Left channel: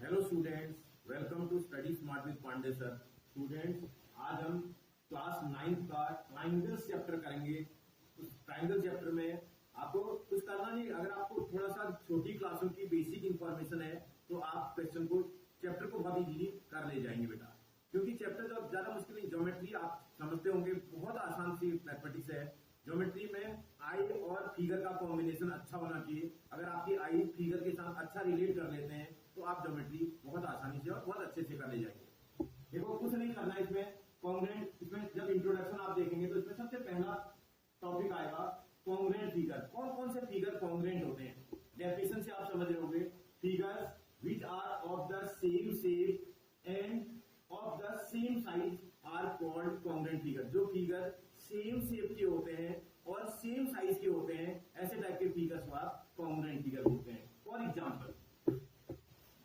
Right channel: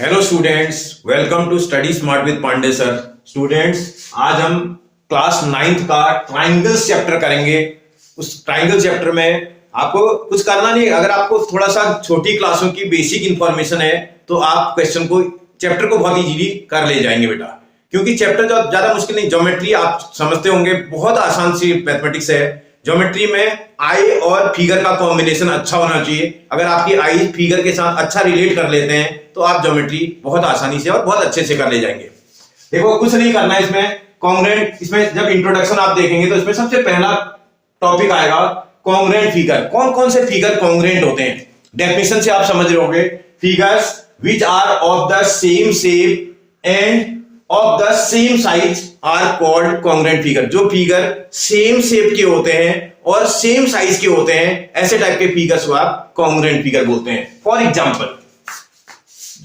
Hello students, welcome to study smart with Pandey sir. Students, आज हम class 9th का triangles chapter करेंगे। उस ट्राइंगल चैप्टर में आपको कुछ करना नहीं। अगर आपको थोड़ा सा छोटी क्लासों की बेसिक इंफॉर्मेशन है तो आप क्वेश्चन को, चैप्टर को बहुत इजीली कर ले जाएंगे बेटा, क्योंकि चैप्टर जो ज्यादा मुश्किल नहीं। ज्योमेट्री आप समझते होंगे, बहुत आसान सी मैथमेटिक्स है। ज्योमेट्री में आई और फिगर का कॉम्बिनेशन अच्छा होना चाहिए। अगर आपकी आई फिगर के साथ अच्छा रिलेट कर लेते हैं तो आप ज्योमेट्री बहुत आसानी से और बहुत अच्छे से कर ले जाएंगे। देखो, कुछ नहीं करना है इसमें। कॉन्ग्रेंट, इसमें जब इंट्रोडक्शन आप देखेंगे तो इसमें सबसे पहला टॉपिक आएगा कॉन्ग्रेंट फिगर। कौन कौन से फिगर कॉन्ग्रेंट होते हैं, डेफिनेशन से आप समझ रहे होंगे। Figures which are of the same shape and of the same size are called congruent figure. जो फिगर सेम शेप के होते हैं और सेम साइज के होते हैं, ऐसे टाइप के फिगर्स को आप कॉन्ग्रेंट फिगर बोलते हैं। फॉर एग्जांपल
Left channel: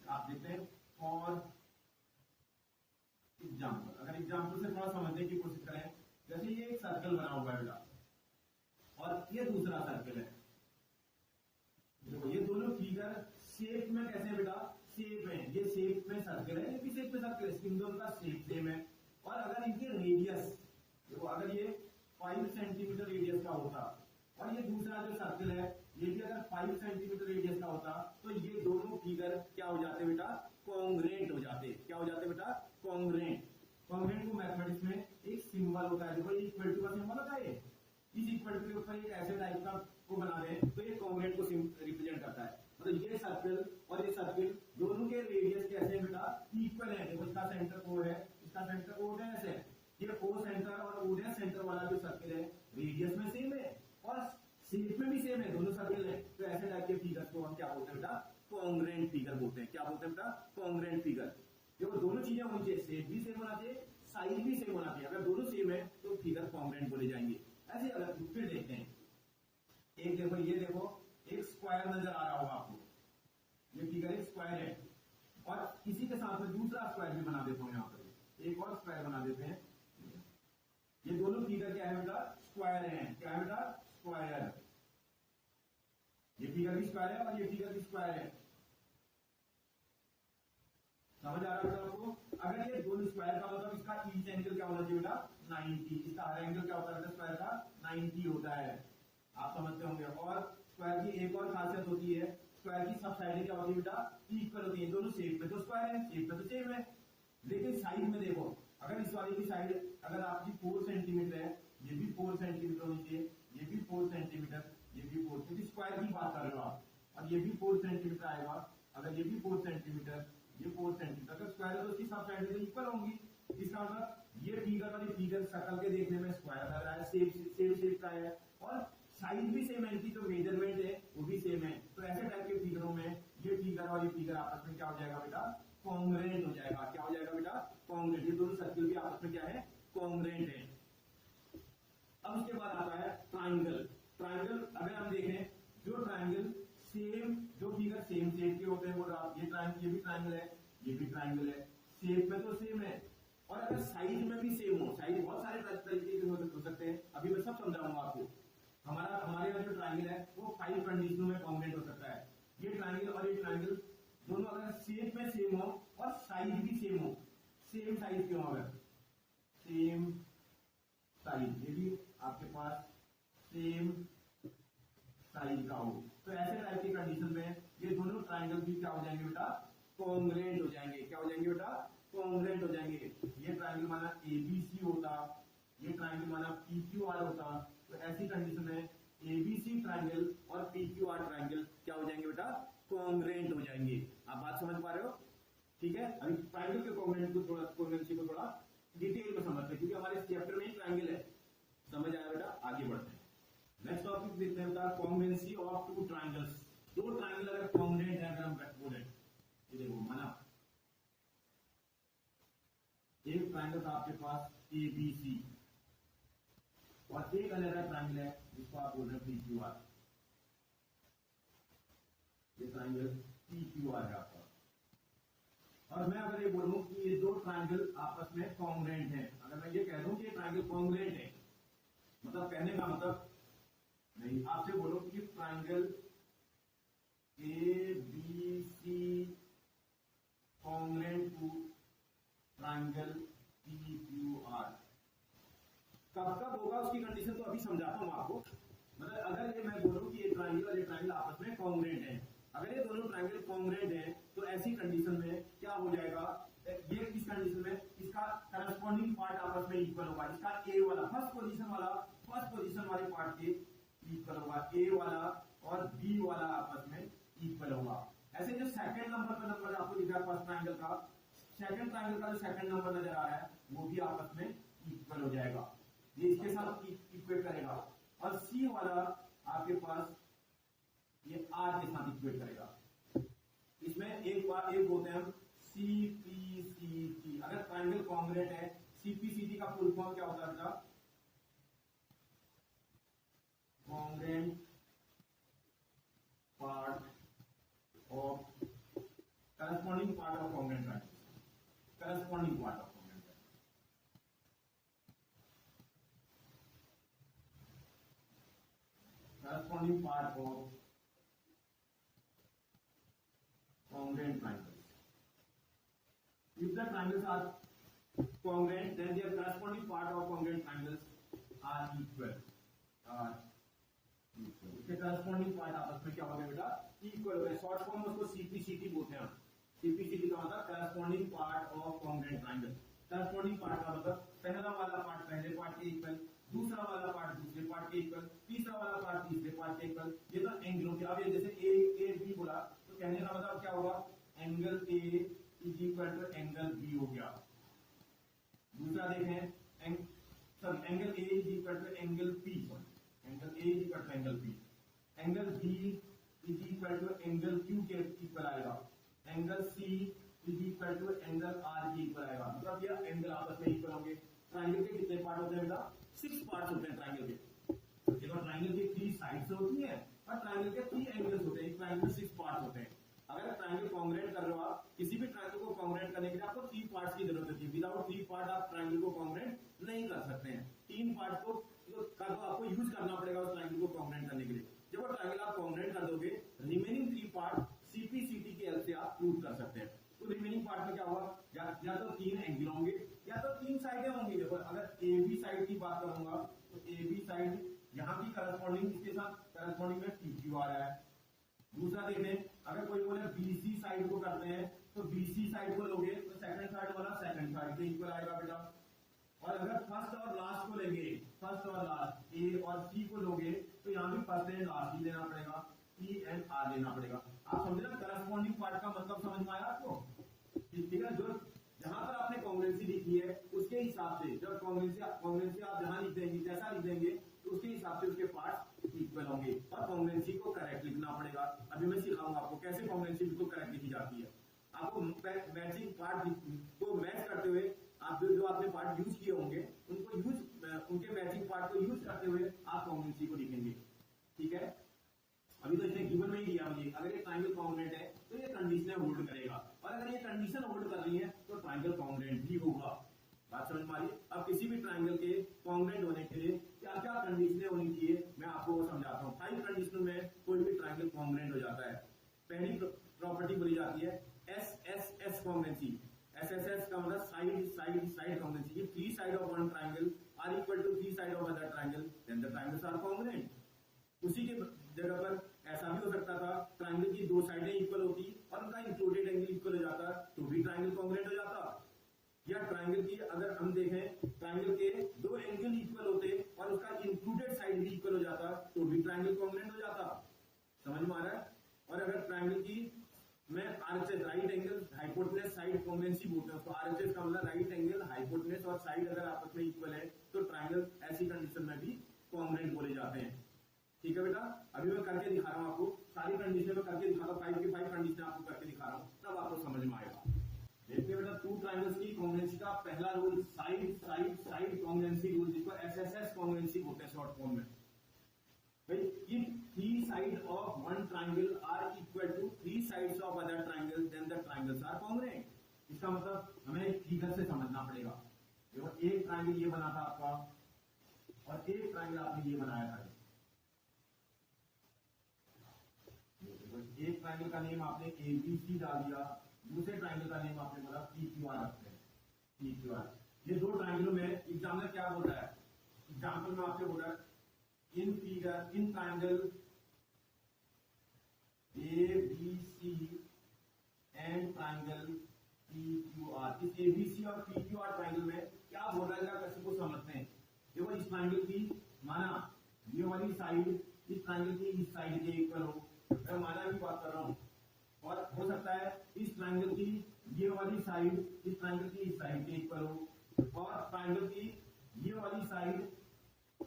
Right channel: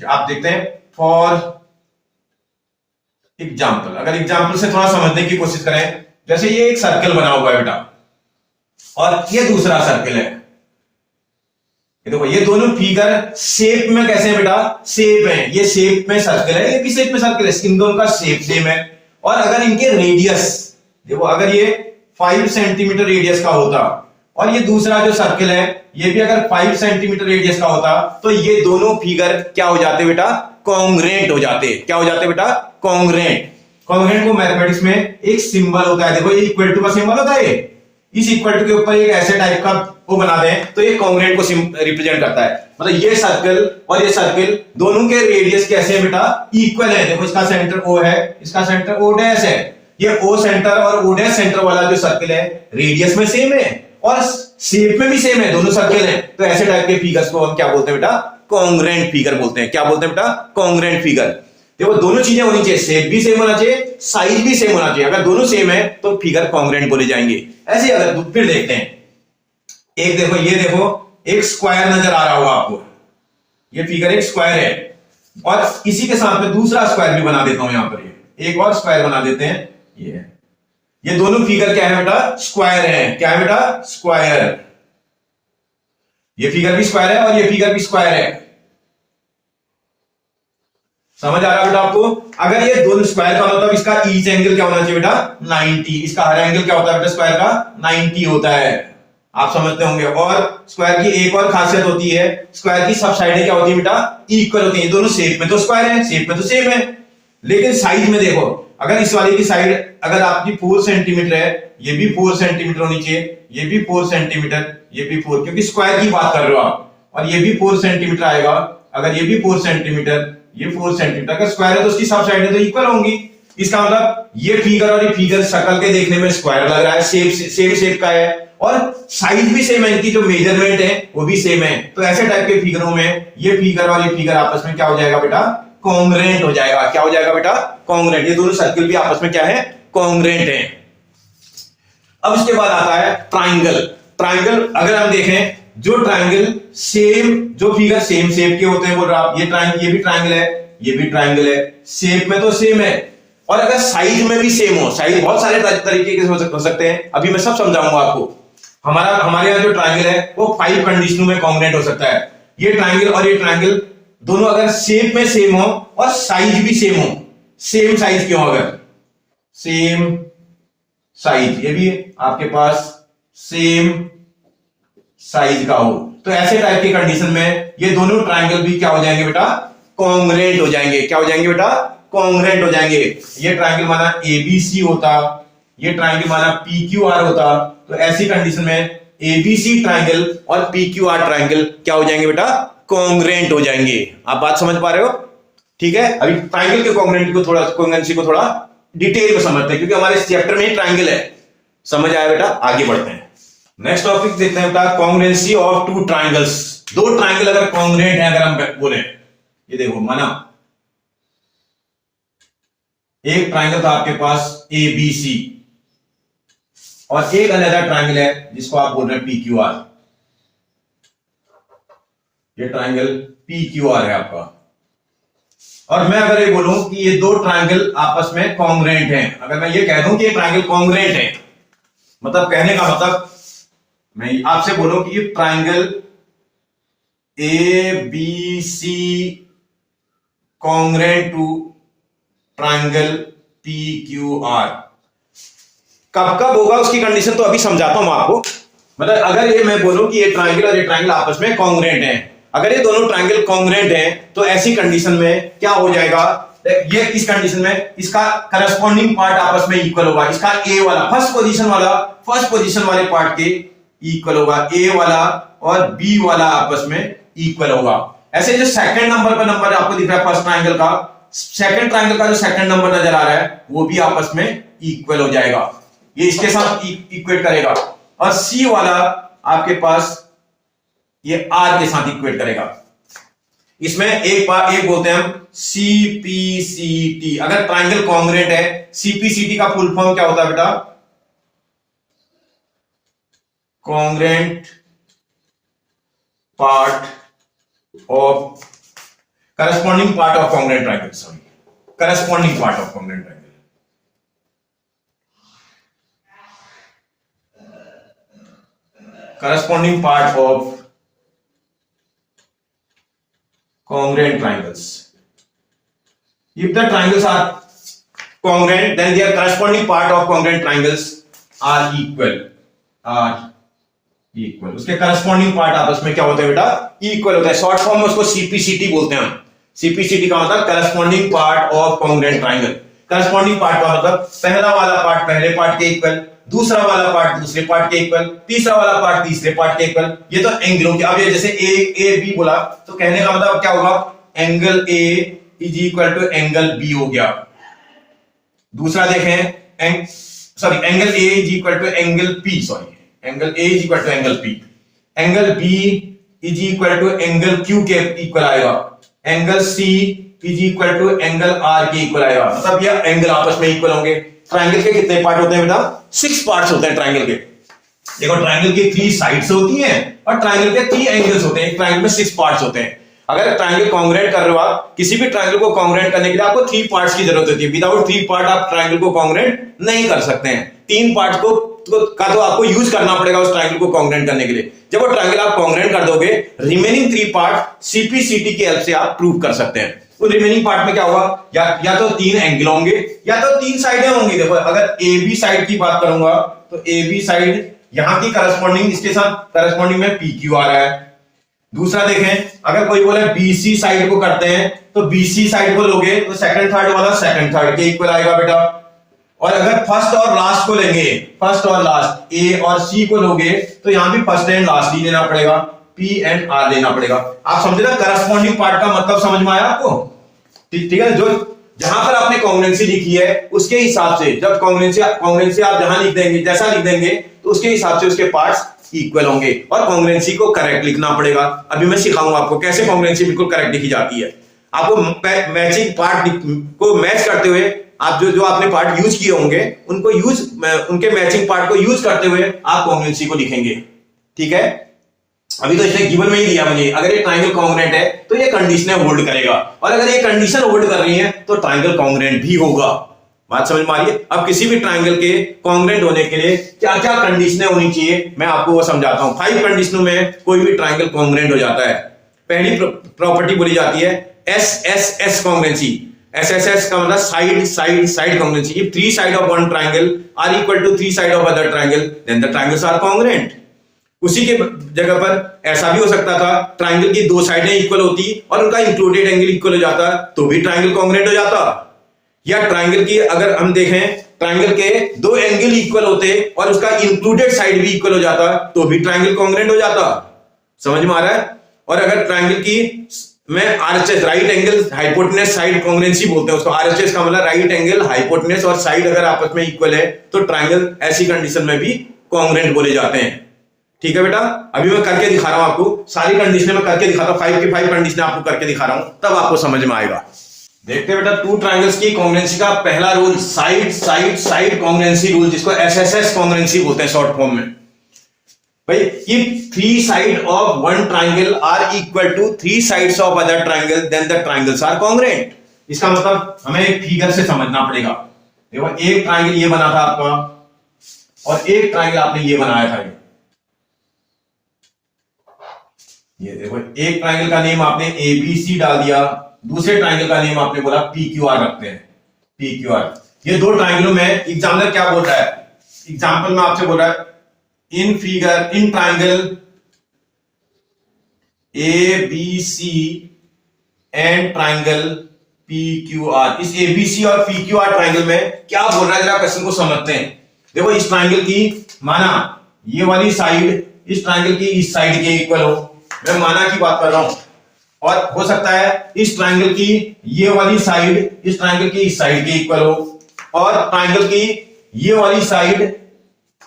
आप देखते हैं, फॉर एग्जांपल, अगर एग्जांपल से थोड़ा समझने की कोशिश करें, जैसे ये एक सर्कल बना हुआ है बेटा और ये दूसरा सर्कल है। ये देखो, ये दोनों फिगर शेप में कैसे हैं बेटा, शेप है। ये शेप में सर्कल है, ये भी शेप में सर्कल है, इन दोनों का शेप सेम है। और अगर इनके रेडियस देखो, अगर ये 5 सेंटीमीटर रेडियस का होता और ये दूसरा जो सर्कल है ये भी अगर 5 सेंटीमीटर रेडियस का होता, तो ये दोनों फिगर क्या हो जाते बेटा, कॉन्ग्रेंट हो जाते। क्या हो जाते बेटा, कॉन्ग्रेंट। कॉन्ग्रेंट को मैथमेटिक्स में एक सिंबल होता है, देखो ये इक्वल टू का सिंबल होता है। इस इक्वल टू के ऊपर एक ऐसे टाइप का वो बना दें तो ये कॉन्ग्रेंट को रिप्रेजेंट करता है। मतलब ये सर्कल और ये सर्कल दोनों के रेडियस कैसे है बेटा, इक्वल है। देखो, इसका सेंटर O है, इसका सेंटर O डैश है। ये O सेंटर और O डैश सेंटर वाला जो सर्कल है रेडियस में सेम है और शेप में भी सेम है, दोनों सर्कल हैं। तो ऐसे टाइप के फिगर्स को हम क्या बोलते हैं बेटा, कॉन्ग्रेंट फिगर बोलते हैं। क्या बोलते हैं बेटा, कॉन्ग्रेंट फिगर। देखो, दोनों चीजें होनी चाहिए, शेप भी सेम होना चाहिए, साइज भी सेम होना चाहिए। अगर दोनों सेम है तो फिगर कॉन्ग्रेंट बोले जाएंगे। ऐसे अगर फिर देखते हैं, एक देखो, ये देखो, एक स्क्वायर नजर आ रहा होगा आपको। ये फिगर एक स्क्वायर है और इसी के साथ में दूसरा स्क्वायर भी बना देता हूं। यहां पर ये एक और स्क्वायर बना देते हैं। ये दोनों फिगर क्या है बेटा, स्क्वायर है। क्या है बेटा, स्क्वायर। ये फिगर भी स्क्वायर है और ये फिगर भी स्क्वायर है। समझ आ रहा है बेटा आपको। अगर ये दोनों स्क्वायर का मतलब इसका ईच एंगल क्या होना चाहिए बेटा, 90। इसका हर एंगल क्या होता है बेटा, स्क्वायर का 90 होता है। आप समझते होंगे। और स्क्वायर की एक और खासियत होती है, स्क्वायर की सब साइडें क्या होती है बेटा, इक्वल होती है। दोनों शेप में तो स्क्वायर है, शेप में तो सेम है, लेकिन साइज में देखो, अगर इस वाले की साइड अगर आपकी 4 सेंटीमीटर है, ये भी 4 सेंटीमीटर होनी चाहिए, ये भी 4 सेंटीमीटर, ये भी 4, क्योंकि स्क्वायर की बात कर रहे हो आप। और ये भी 4 सेंटीमीटर आएगा। अगर ये भी 4 सेंटीमीटर, ये 4 सेंटीमीटर, अगर स्क्वायर है तो उसकी सब साइडें तो इक्वल होंगी। इसका मतलब ये फिगर और ये फिगर शक्ल के देखने में स्क्वायर लग रहा है, सेम शेप का है और साइज भी सेम है, इनकी जो मेजरमेंट है वो भी सेम है। तो ऐसे टाइप के फिगरों में ये फिगर और ये फिगर आपस में क्या हो जाएगा बेटा, कॉन्ग्रेंट हो जाएगा। क्या हो जाएगा बेटा, कॉन्ग्रेंट। ये दोनों सर्कल भी आपस में क्या है, कॉन्ग्रेंट है। अब इसके बाद आता है ट्राइंगल। ट्राइंगल अगर हम देखें, जो ट्राइंगल सेम, जो फिगर सेम शेप के होते हैं, बोल रहा आप, ये ट्राइंगल, ये भी ट्राइंगल है, ये भी ट्राइंगल है, शेप में तो सेम है और अगर साइज में भी सेम हो। साइज बहुत सारे तरीके के हो सकते हैं, अभी मैं सब समझाऊंगा आपको। हमारे यहाँ जो ट्राइंगल है वो 5 कंडीशनों में कॉन्ग्रेंट हो सकता है। ये ट्राइंगल और ये ट्राइंगल दोनों अगर शेप में सेम हो और साइज भी सेम हो, सेम साइज क्यों, अगर सेम साइज, ये भी आपके पास सेम साइज का हो, तो ऐसे टाइप की कंडीशन में ये दोनों ट्राइंगल भी क्या हो जाएंगे बेटा, कॉन्ग्रेंट हो जाएंगे। क्या हो जाएंगे बेटा, कॉन्ग्रेंट हो जाएंगे। ये ट्राइंगल माना ABC होता, ये ट्राइंगल माना PQR होता, तो ऐसी कंडीशन में ABC ट्राइंगल और PQR ट्राइंगल क्या हो जाएंगे बेटा, कॉन्ग्रेंट हो जाएंगे। आप बात समझ पा रहे हो, ठीक है। अभी ट्राइंगल के कॉन्ग्रेंसी को थोड़ा डिटेल में समझते हैं, क्योंकि हमारे इस चैप्टर में ही ट्राइंगल है। समझ आया बेटा, आगे बढ़ते हैं। नेक्स्ट टॉपिक देखते हैं बेटा, कॉन्ग्रेंसी ऑफ 2 ट्राइंगल्स। 2 ट्राइंगल अगर कॉन्ग्रेंट है, अगर हम बोले, ये देखो, माना एक ट्राइंगल था आपके पास ABC और एक अनदर ट्राइंगल है जिसको आप बोल रहे हैं PQR। ये ट्राइंगल PQR है आपका, और मैं अगर ये बोलूं कि ये 2 ट्राइंगल आपस में कॉन्ग्रेंट हैं, अगर मैं ये कह दूं कि ये ट्राइंगल कॉन्ग्रेंट है, मतलब कहने का मतलब मैं आपसे बोलूं कि ये triangle ABC congruent to triangle P Q R. कब कब होगा उसकी कंडीशन तो अभी समझाता हूं आपको। मतलब अगर ये मैं बोलूं कि ये ट्राइंगल और ये ट्राइंगल आपस में कॉन्ग्रेंट हैं, अगर ये दोनों ट्राइंगल कॉन्ग्रेंट हैं तो ऐसी कंडीशन में क्या हो जाएगा, ये इस कंडीशन में इसका करस्पॉन्डिंग पार्ट आपस में इक्वल होगा। इसका ए वाला फर्स्ट पोजीशन वाले पार्ट के इक्वल होगा, ए वाला और बी वाला आपस में इक्वल होगा। ऐसे जो सेकंड नंबर पर नंबर आपको दिख रहा है फर्स्ट ट्राइंगल का, सेकंड ट्राइंगल का जो सेकंड नंबर नजर आ रहा है वो भी आपस में इक्वल हो जाएगा, ये इसके साथ इक्वेट करेगा। और सी वाला आपके पास ये आर के साथ इक्वेट करेगा। इसमें एक बोलते हैं हम सीपीसीटी। अगर ट्राइंगल कॉन्ग्रेंट है, सीपीसीटी का फुल फॉर्म क्या होता है बेटा, congruent part of corresponding part of congruent triangle, sorry corresponding part of congruent triangle. corresponding part of congruent triangles. If the triangles are congruent, then their corresponding part of congruent triangles are equal. उसके corresponding part आपस में क्या होता है बेटा, equal होता है। Short form में उसको सीपीसीटी बोलते हैं हम। सीपीसीटी का मतलब corresponding part of congruent triangle। corresponding part का मतलब पहला वाला पार्ट पहले पार्ट के इक्वल, दूसरा वाला पार्ट दूसरे पार्ट के इक्वल, तीसरा वाला पार्ट तीसरे पार्ट के इक्वल। ये तो एंगलों के, अब ये जैसे ए बी बोला तो कहने का मतलब क्या होगा, angle A is equal to angle B हो गया। दूसरा देखें, sorry angle A is equal to angle P, sorry angle A is equal to angle P. Angle B is equal to angle Q के इक्वल आएगा। Angle C is equal to angle R के equal आएगा। मतलब ये angle आपस में equal होंगे। Triangle के कितने पार्ट होते हैं बेटा, 6 पार्ट्स होते हैं ट्राइंगल के। देखो ट्राइंगल की 3 साइड्स होती हैं और ट्राइंगल के 3 एंगल्स होते हैं। एक ट्राइंगल में 6 पार्ट्स होते हैं। अगर ट्राइंगल कॉन्ग्रेंट कर रहे हो आप, किसी भी ट्राइंगल को कॉन्ग्रेंट करने के लिए आपको 3 पार्ट्स की जरूरत होती है। विदाउट 3 पार्ट आप ट्राइंगल को कॉन्ग्रेंट नहीं कर सकते हैं। 3 पार्ट को तो आपको यूज करना पड़ेगा उस ट्राइंगल को कॉन्ग्रेंट करने के लिए। जब वो ट्राइंगल आप कॉन्ग्रेंट कर दोगे, रिमेनिंग 3 पार्ट सीपीसीटी की हेल्प से आप प्रूव कर सकते हैं। तो रिमेनिंग पार्ट में क्या होगा, या तो 3 एंगल होंगे या तो 3 साइडें होंगी। देखो अगर ए बी साइड की बात करूंगा तो ए बी साइड यहां की करस्पॉन्डिंग, इसके साथ करस्पॉन्डिंग में पी क्यू आ रहा है। दूसरा देखें, अगर कोई बोले बीसी साइड को करते हैं तो बीसी साइड को लोगे तो सेकंड थर्ड वाला सेकंड थर्ड के इक्वल आएगा बेटा। और अगर फर्स्ट और लास्ट को लेंगे, फर्स्ट और लास्ट ए और सी को लोगे तो यहां भी फर्स्ट एंड लास्ट ही लेना पड़ेगा, पी एंड आर लेना पड़ेगा। आप समझे ना करस्पॉन्डिंग पार्ट का मतलब समझ में आया आपको? ठीक है, जो जहां पर आपने कॉन्ग्रुएंसी लिखी है उसके हिसाब से, जब कॉन्ग्रुएंसी आप जहां लिख देंगे, जैसा लिख देंगे तो उसके हिसाब से उसके पार्ट्स इक्वल होंगे। और कॉन्ग्रुएंसी को करेक्ट लिखना पड़ेगा। अभी मैं सिखाऊंगा आपको कैसे कॉन्ग्रुएंसी बिल्कुल करेक्ट लिखी जाती है। आपको मैचिंग पार्ट को मैच करते हुए, आप जो आपने पार्ट यूज किए होंगे उनको उनके मैचिंग पार्ट को यूज करते हुए आप कॉन्ग्रुएंसी को लिखेंगे। ठीक है, अभी तो इसने गिवन में ही दिया मुझे, अगर ये ट्राइंगल कॉन्ग्रुएंट है तो ये कंडीशनें होल्ड करेगा, और अगर ये कंडीशन होल्ड कर रही है तो ट्राइंगल कॉन्ग्रुएंट भी होगा। बात समझ में आ रही है? अब किसी भी ट्राइंगल के कॉन्ग्रुएंट होने के लिए क्या क्या कंडीशनें होनी चाहिए मैं आपको वो समझाता हूं। 5 कंडीशनों में कोई भी ट्राइंगल कॉन्ग्रुएंट हो जाता है। पहली प्रॉपर्टी बोली जाती है एसएसएस कॉन्ग्रुएंसी। एसएसएस का मतलब side side side congruency. If 3 side of one triangle are equal to 3 side of other triangle then the triangles are congruent. उसी के जगह पर ऐसा भी हो सकता था, ट्राइंगल की 2 साइडें इक्वल होती और उनका इंक्लूडेड एंगल इक्वल हो जाता तो भी ट्राइंगल कॉन्ग्रुएंट हो जाता। या ट्राइंगल की अगर हम देखें, ट्राइंगल के 2 एंगल इक्वल होते और उसका इंक्लूडेड साइड भी इक्वल हो जाता तो भी ट्राइंगल कॉन्ग्रुएंट हो जाता। समझ में आ रहा है? और अगर ट्राइंगल की में RHS right angle hypotenuse side congruency बोलते हैं उसको। आरएचएस का मतलब राइट एंगल हाइपोटेनस और साइड अगर आपस में इक्वल है तो ट्राइंगल ऐसी कंडीशन में भी कॉन्ग्रुएंट बोले जाते हैं। ठीक है बेटा, अभी मैं करके दिखा रहा हूं आपको, सारी कंडीशनें मैं करके दिखाता हूं। 5 की 5 कंडीशनें आपको करके दिखा रहा हूं, तब आपको समझ में आएगा। देखते हैं बेटा 2 ट्राइंगल्स की कॉन्ग्रुएंसी का पहला rule, side side side congruency rule, जिसको एसएसएस कॉन्ग्रुएंसी बोलते हैं शॉर्ट फॉर्म में। भाई if 3 side of one triangle are equal to 3 sides of other triangle then the triangles are congruent. इसका मतलब हमें एक फिगर से समझना पड़ेगा। देखो एक ट्राइंगल ये बना था आपका और एक ट्राइंगल आपने ये बनाया था। ये देखो, एक ट्राइंगल का नेम आपने एबीसी डाल दिया, दूसरे ट्राइंगल का नेम आपने बोला पीक्यूआर रखते हैं, पीक्यूआर। ये दो ट्राइंगलों में एग्जामिनर क्या बोल रहा है, एग्जाम्पल में आपसे बोल रहा है in figure, in triangle ABC and triangle PQR, इस एबीसी और पीक्यूआर ट्राइंगल में क्या बोल रहा है, जरा क्वेश्चन को समझते हैं। देखो, इस ट्राइंगल की माना ये वाली साइड इस ट्राइंगल की इस साइड के इक्वल हो, मैं माना की बात कर रहा हूं, और हो सकता है इस ट्राइंगल की ये वाली साइड इस ट्राइंगल की इस साइड के इक्वल हो, और ट्राइंगल की ये वाली साइड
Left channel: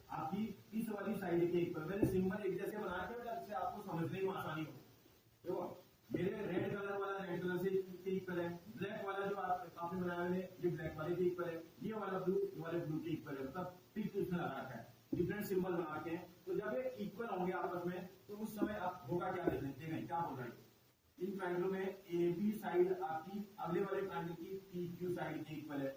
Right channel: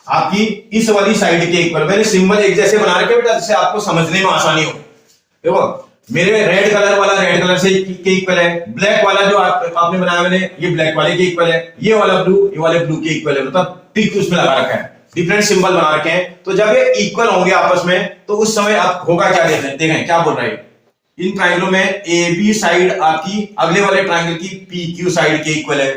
आपकी इस वाली साइड के इक्वल। मैंने सिंबल एक जैसे बना रखे बेटा, जिससे आपको समझने में आसानी हो। देखो, मेरे रेड कलर वाला रेड कलर से के इक्वल है, ब्लैक वाला जो आपने बनाया मैंने, ये ब्लैक वाले के इक्वल है, ये वाला ब्लू ये वाले ब्लू के इक्वल है, मतलब टिक उसमें लगा रखा है, डिफरेंट सिंबल बना रखे हैं। तो जब ये इक्वल होंगे आपस में, तो उस समय आप होगा क्या, देखें क्या बोल रहा है। इन ट्राइंगलों में ए बी साइड आपकी अगले वाले ट्राइंगल की पी क्यू साइड के इक्वल है,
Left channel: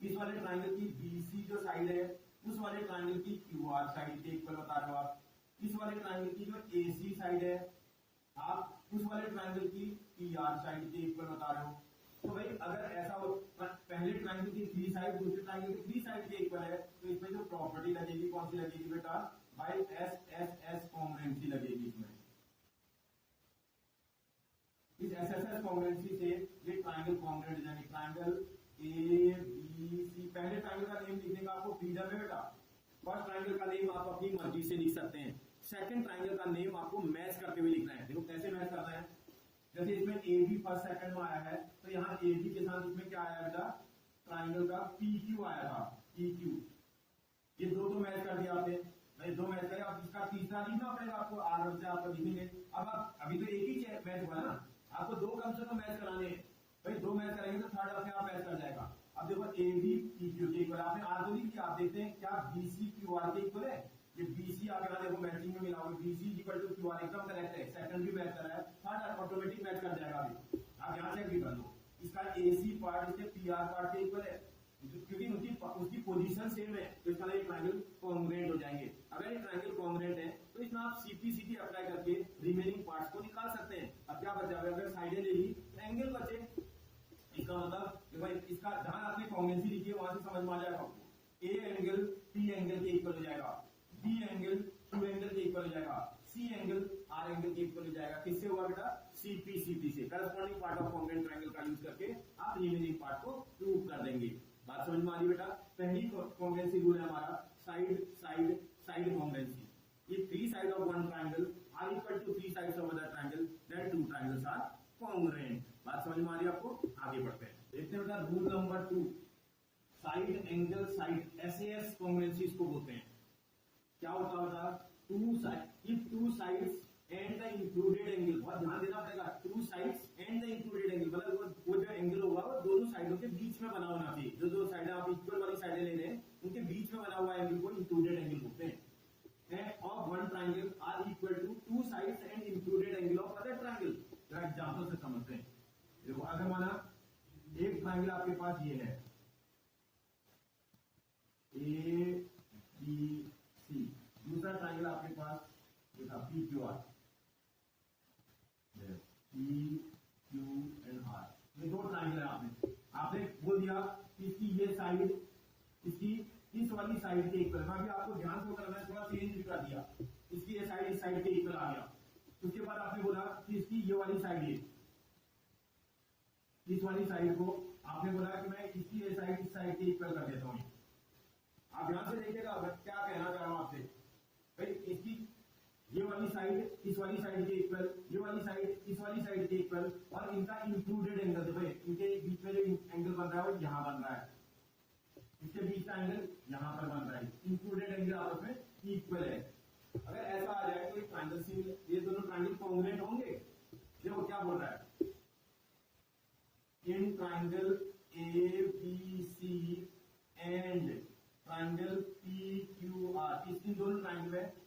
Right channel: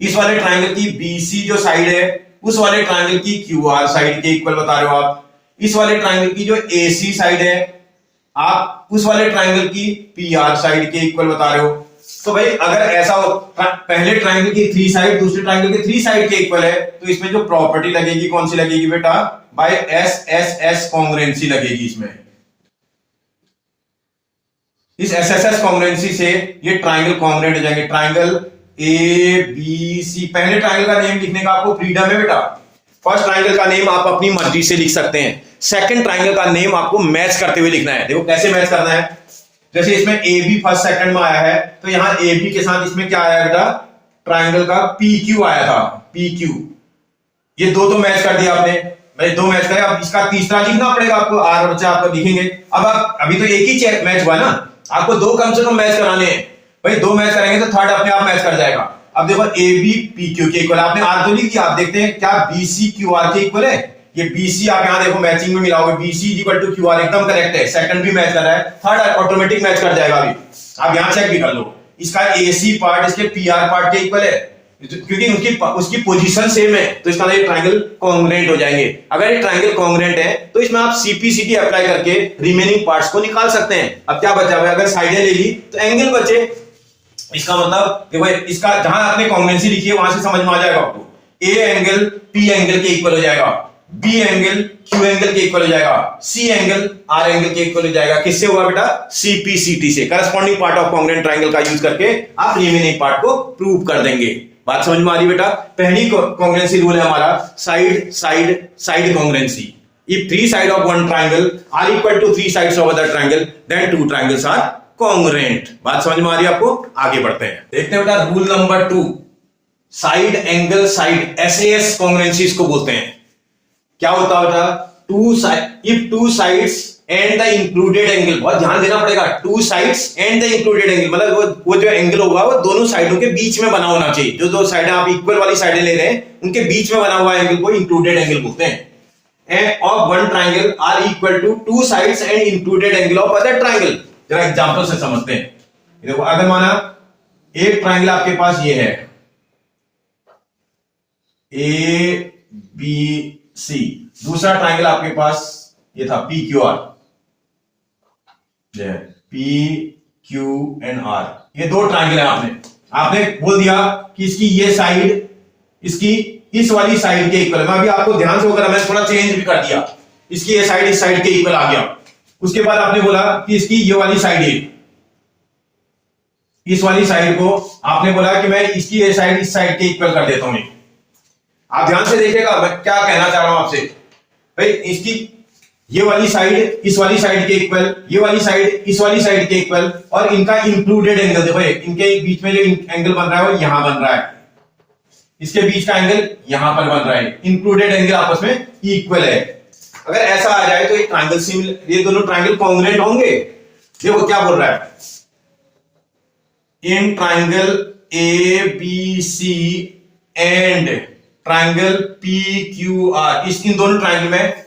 इस वाले ट्राइंगल की बी सी जो साइड है उस वाले ट्राइंगल की क्यू आर साइड के इक्वल बता रहे हो आप, इस वाले ट्राइंगल की जो ए सी साइड है आप उस वाले ट्राइंगल की पी आर साइड के इक्वल बता रहे हो। तो भाई अगर ऐसा हो, पहले ट्राइंगल की थ्री साइड दूसरे ट्राइंगल के थ्री साइड के इक्वल है, तो इसमें जो प्रॉपर्टी लगेगी कौन सी लगेगी बेटा, by S S S congruency लगेगी। इसमें इस एस एस एस कॉन्ग्रुएंसी से ये ट्राइंगल कॉन्ग्रुएंट हो जाएंगे। ट्राइंगल ए बी सी, पहले ट्राइंगल का नेम लिखने का आपको फ्रीडम है बेटा, फर्स्ट ट्राइंगल का नेम आप अपनी मर्जी से लिख सकते हैं, सेकंड ट्राइंगल का नेम आपको मैच करते हुए लिखना है। देखो कैसे मैच करना है, जैसे इसमें ए बी फर्स्ट सेकंड में आया है, तो यहां ए बी के साथ इसमें क्या आया बेटा, ट्राइंगल का पी क्यू आया था, पी क्यू, ये दो तो मैच कर दिया आपने, भाई दो मैच करे, अब इसका तीसरा लिखना पड़ेगा आपको, आर बच्चा आपको लिखेंगे। अब आप अभी तो एक ही मैच हुआ ना, आपको दो कम से कम मैच कराने हैं, भाई दो मैच करेंगे तो थर्ड अपने आप मैच कर जाएगा। अब देखो ए बी पी क्यू के इक्वल, आपने आर तो लिख दिया, आप देखते हैं क्या बी सी क्यू आर के इक्वल है, ये बीसी आप यहां देखो मैचिंग में मिलाओगे, BC equal to Q R एकदम करेक्ट है, सेकंड भी मैच कर रहा है, थर्ड ऑटोमेटिक मैच कर जाएगा। अभी आप यहां चेक भी कर लो, इसका एसी पार्ट इसके पीआर पार्ट के इक्वल है, क्योंकि उसकी पोजीशन सेम है, तो इसका ये ट्राइंगल कॉन्ग्रुएंट हो जाएंगे। अगर ये ट्राइंगल कॉन्ग्रुएंट है तो इसमें आप सीपीसीटी अप्लाई करके रिमेनिंग पार्ट्स को निकाल सकते हैं। अब क्या बचा हुआ, अगर साइडें ले ली तो एंगल बचे, इसका मतलब देखो इसका जहां आपने कॉन्ग्रुएंसी लिखी है वहां से समझ में आ जाएगा आपको, ए एंगल पी एंगल के इक्वल हो जाएगा, बी एंगल क्यू एंगल के इक्वल हो जाएगा, सी एंगल आर एंगल के इक्वल हो जाएगा। किससे हुआ बेटा, सीपीसीटी से, corresponding part of congruent triangle का यूज करके आप रिमेनिंग पार्ट को प्रूव कर देंगे। बात समझ में आ रही बेटा। पहली कॉन्ग्रुएंसी रूल है हमारा side side side congruency. If three side of one triangle are equal to three sides of other triangle then two triangles are congruent. बात समझ में आ रही है आपको, आगे बढ़ते हैं, देखते हैं बेटा rule number 2, side angle side, SAS congruency इसको बोलते हैं। क्या होता है बेटा, two side, if two sides and the included angle, बहुत ध्यान देना पड़ेगा, two sides and the included angle, मतलब वो जो एंगल होगा वो दोनों साइडों के बीच में बना होना चाहिए। जो दो साइडें आप इक्वल वाली साइडें ले रहे हैं उनके बीच में बना हुआ एंगल को इंक्लूडेड एंगल बोलते हैं। And of one triangle are equal to two sides and included angle of other triangle. जरा एग्जांपल से समझते हैं। देखो अगर माना एक ट्राइंगल आपके पास ये है ए बी सी, दूसरा ट्राइंगल आपके पास ये था P Q R, P Q and R, ये दो ट्राइंगल है। आपने बोल दिया कि इसकी ये साइड इसकी इस वाली साइड के इक्वल। मैं अभी आपको ध्यान से होकर मैं थोड़ा चेंज भी कर दिया, इसकी ये साइड इस साइड के इक्वल आ गया। उसके बाद आपने बोला कि इसकी ये वाली साइड है, इस वाली साइड को आपने बोला कि मैं इसकी ये साइड इस साइड के इक्वल कर देता हूं। आप ध्यान से देखिएगा मैं क्या कहना चाह रहा हूं आपसे। भाई इसकी ये वाली साइड इस वाली साइड के इक्वल, ये वाली साइड इस वाली साइड के इक्वल, और इनका इंक्लूडेड एंगल देखो, इनके बीच में जो एंगल बन रहा है वो यहां बन रहा है, इसके बीच का एंगल यहां पर बन रहा है, इंक्लूडेड एंगल आपस में इक्वल है। अगर ऐसा आ जाए तो ये ट्राइंगल सिमिलर, ये दोनों ट्राइंगल कॉन्ग्रुएंट होंगे। देखो क्या बोल रहा है, in triangle A B C and triangle P Q R, इन दोनों ट्राइंगल में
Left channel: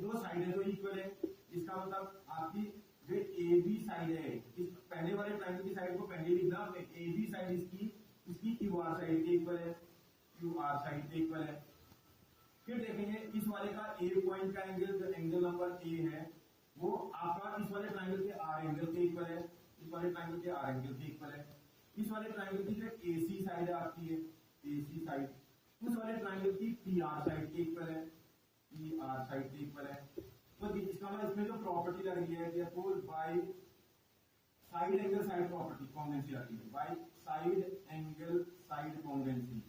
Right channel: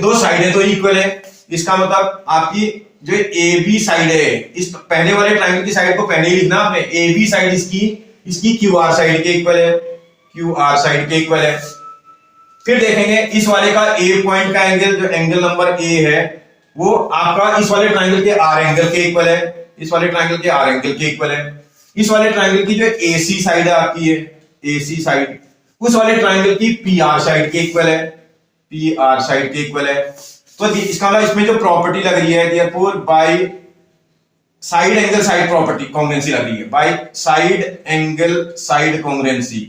दो साइडें तो इक्वल है। इसका मतलब आपकी जो ए बी साइड है, इस पहले वाले ट्राइंगल की साइड को पहले ही लिखना आपने, ए बी साइड इसकी क्यू आर साइड के इक्वल है, क्यू आर साइड के इक्वल है। फिर देखेंगे इस वाले का ए पॉइंट का एंगल, जो एंगल नंबर ए है, वो आपका इस वाले ट्राइंगल के आर एंगल के इक्वल है, इस वाले ट्राइंगल के आर एंगल के इक्वल है। इस वाले ट्राइंगल की जो एसी साइड है आपकी है, एसी साइड उस वाले ट्राइंगल की पी आर साइड के इक्वल है, पी आर साइड के इक्वल है। तो इसका मतलब इसमें जो प्रॉपर्टी लग रही है therefore by side angle side property congruency लग रही है, by side angle side congruency,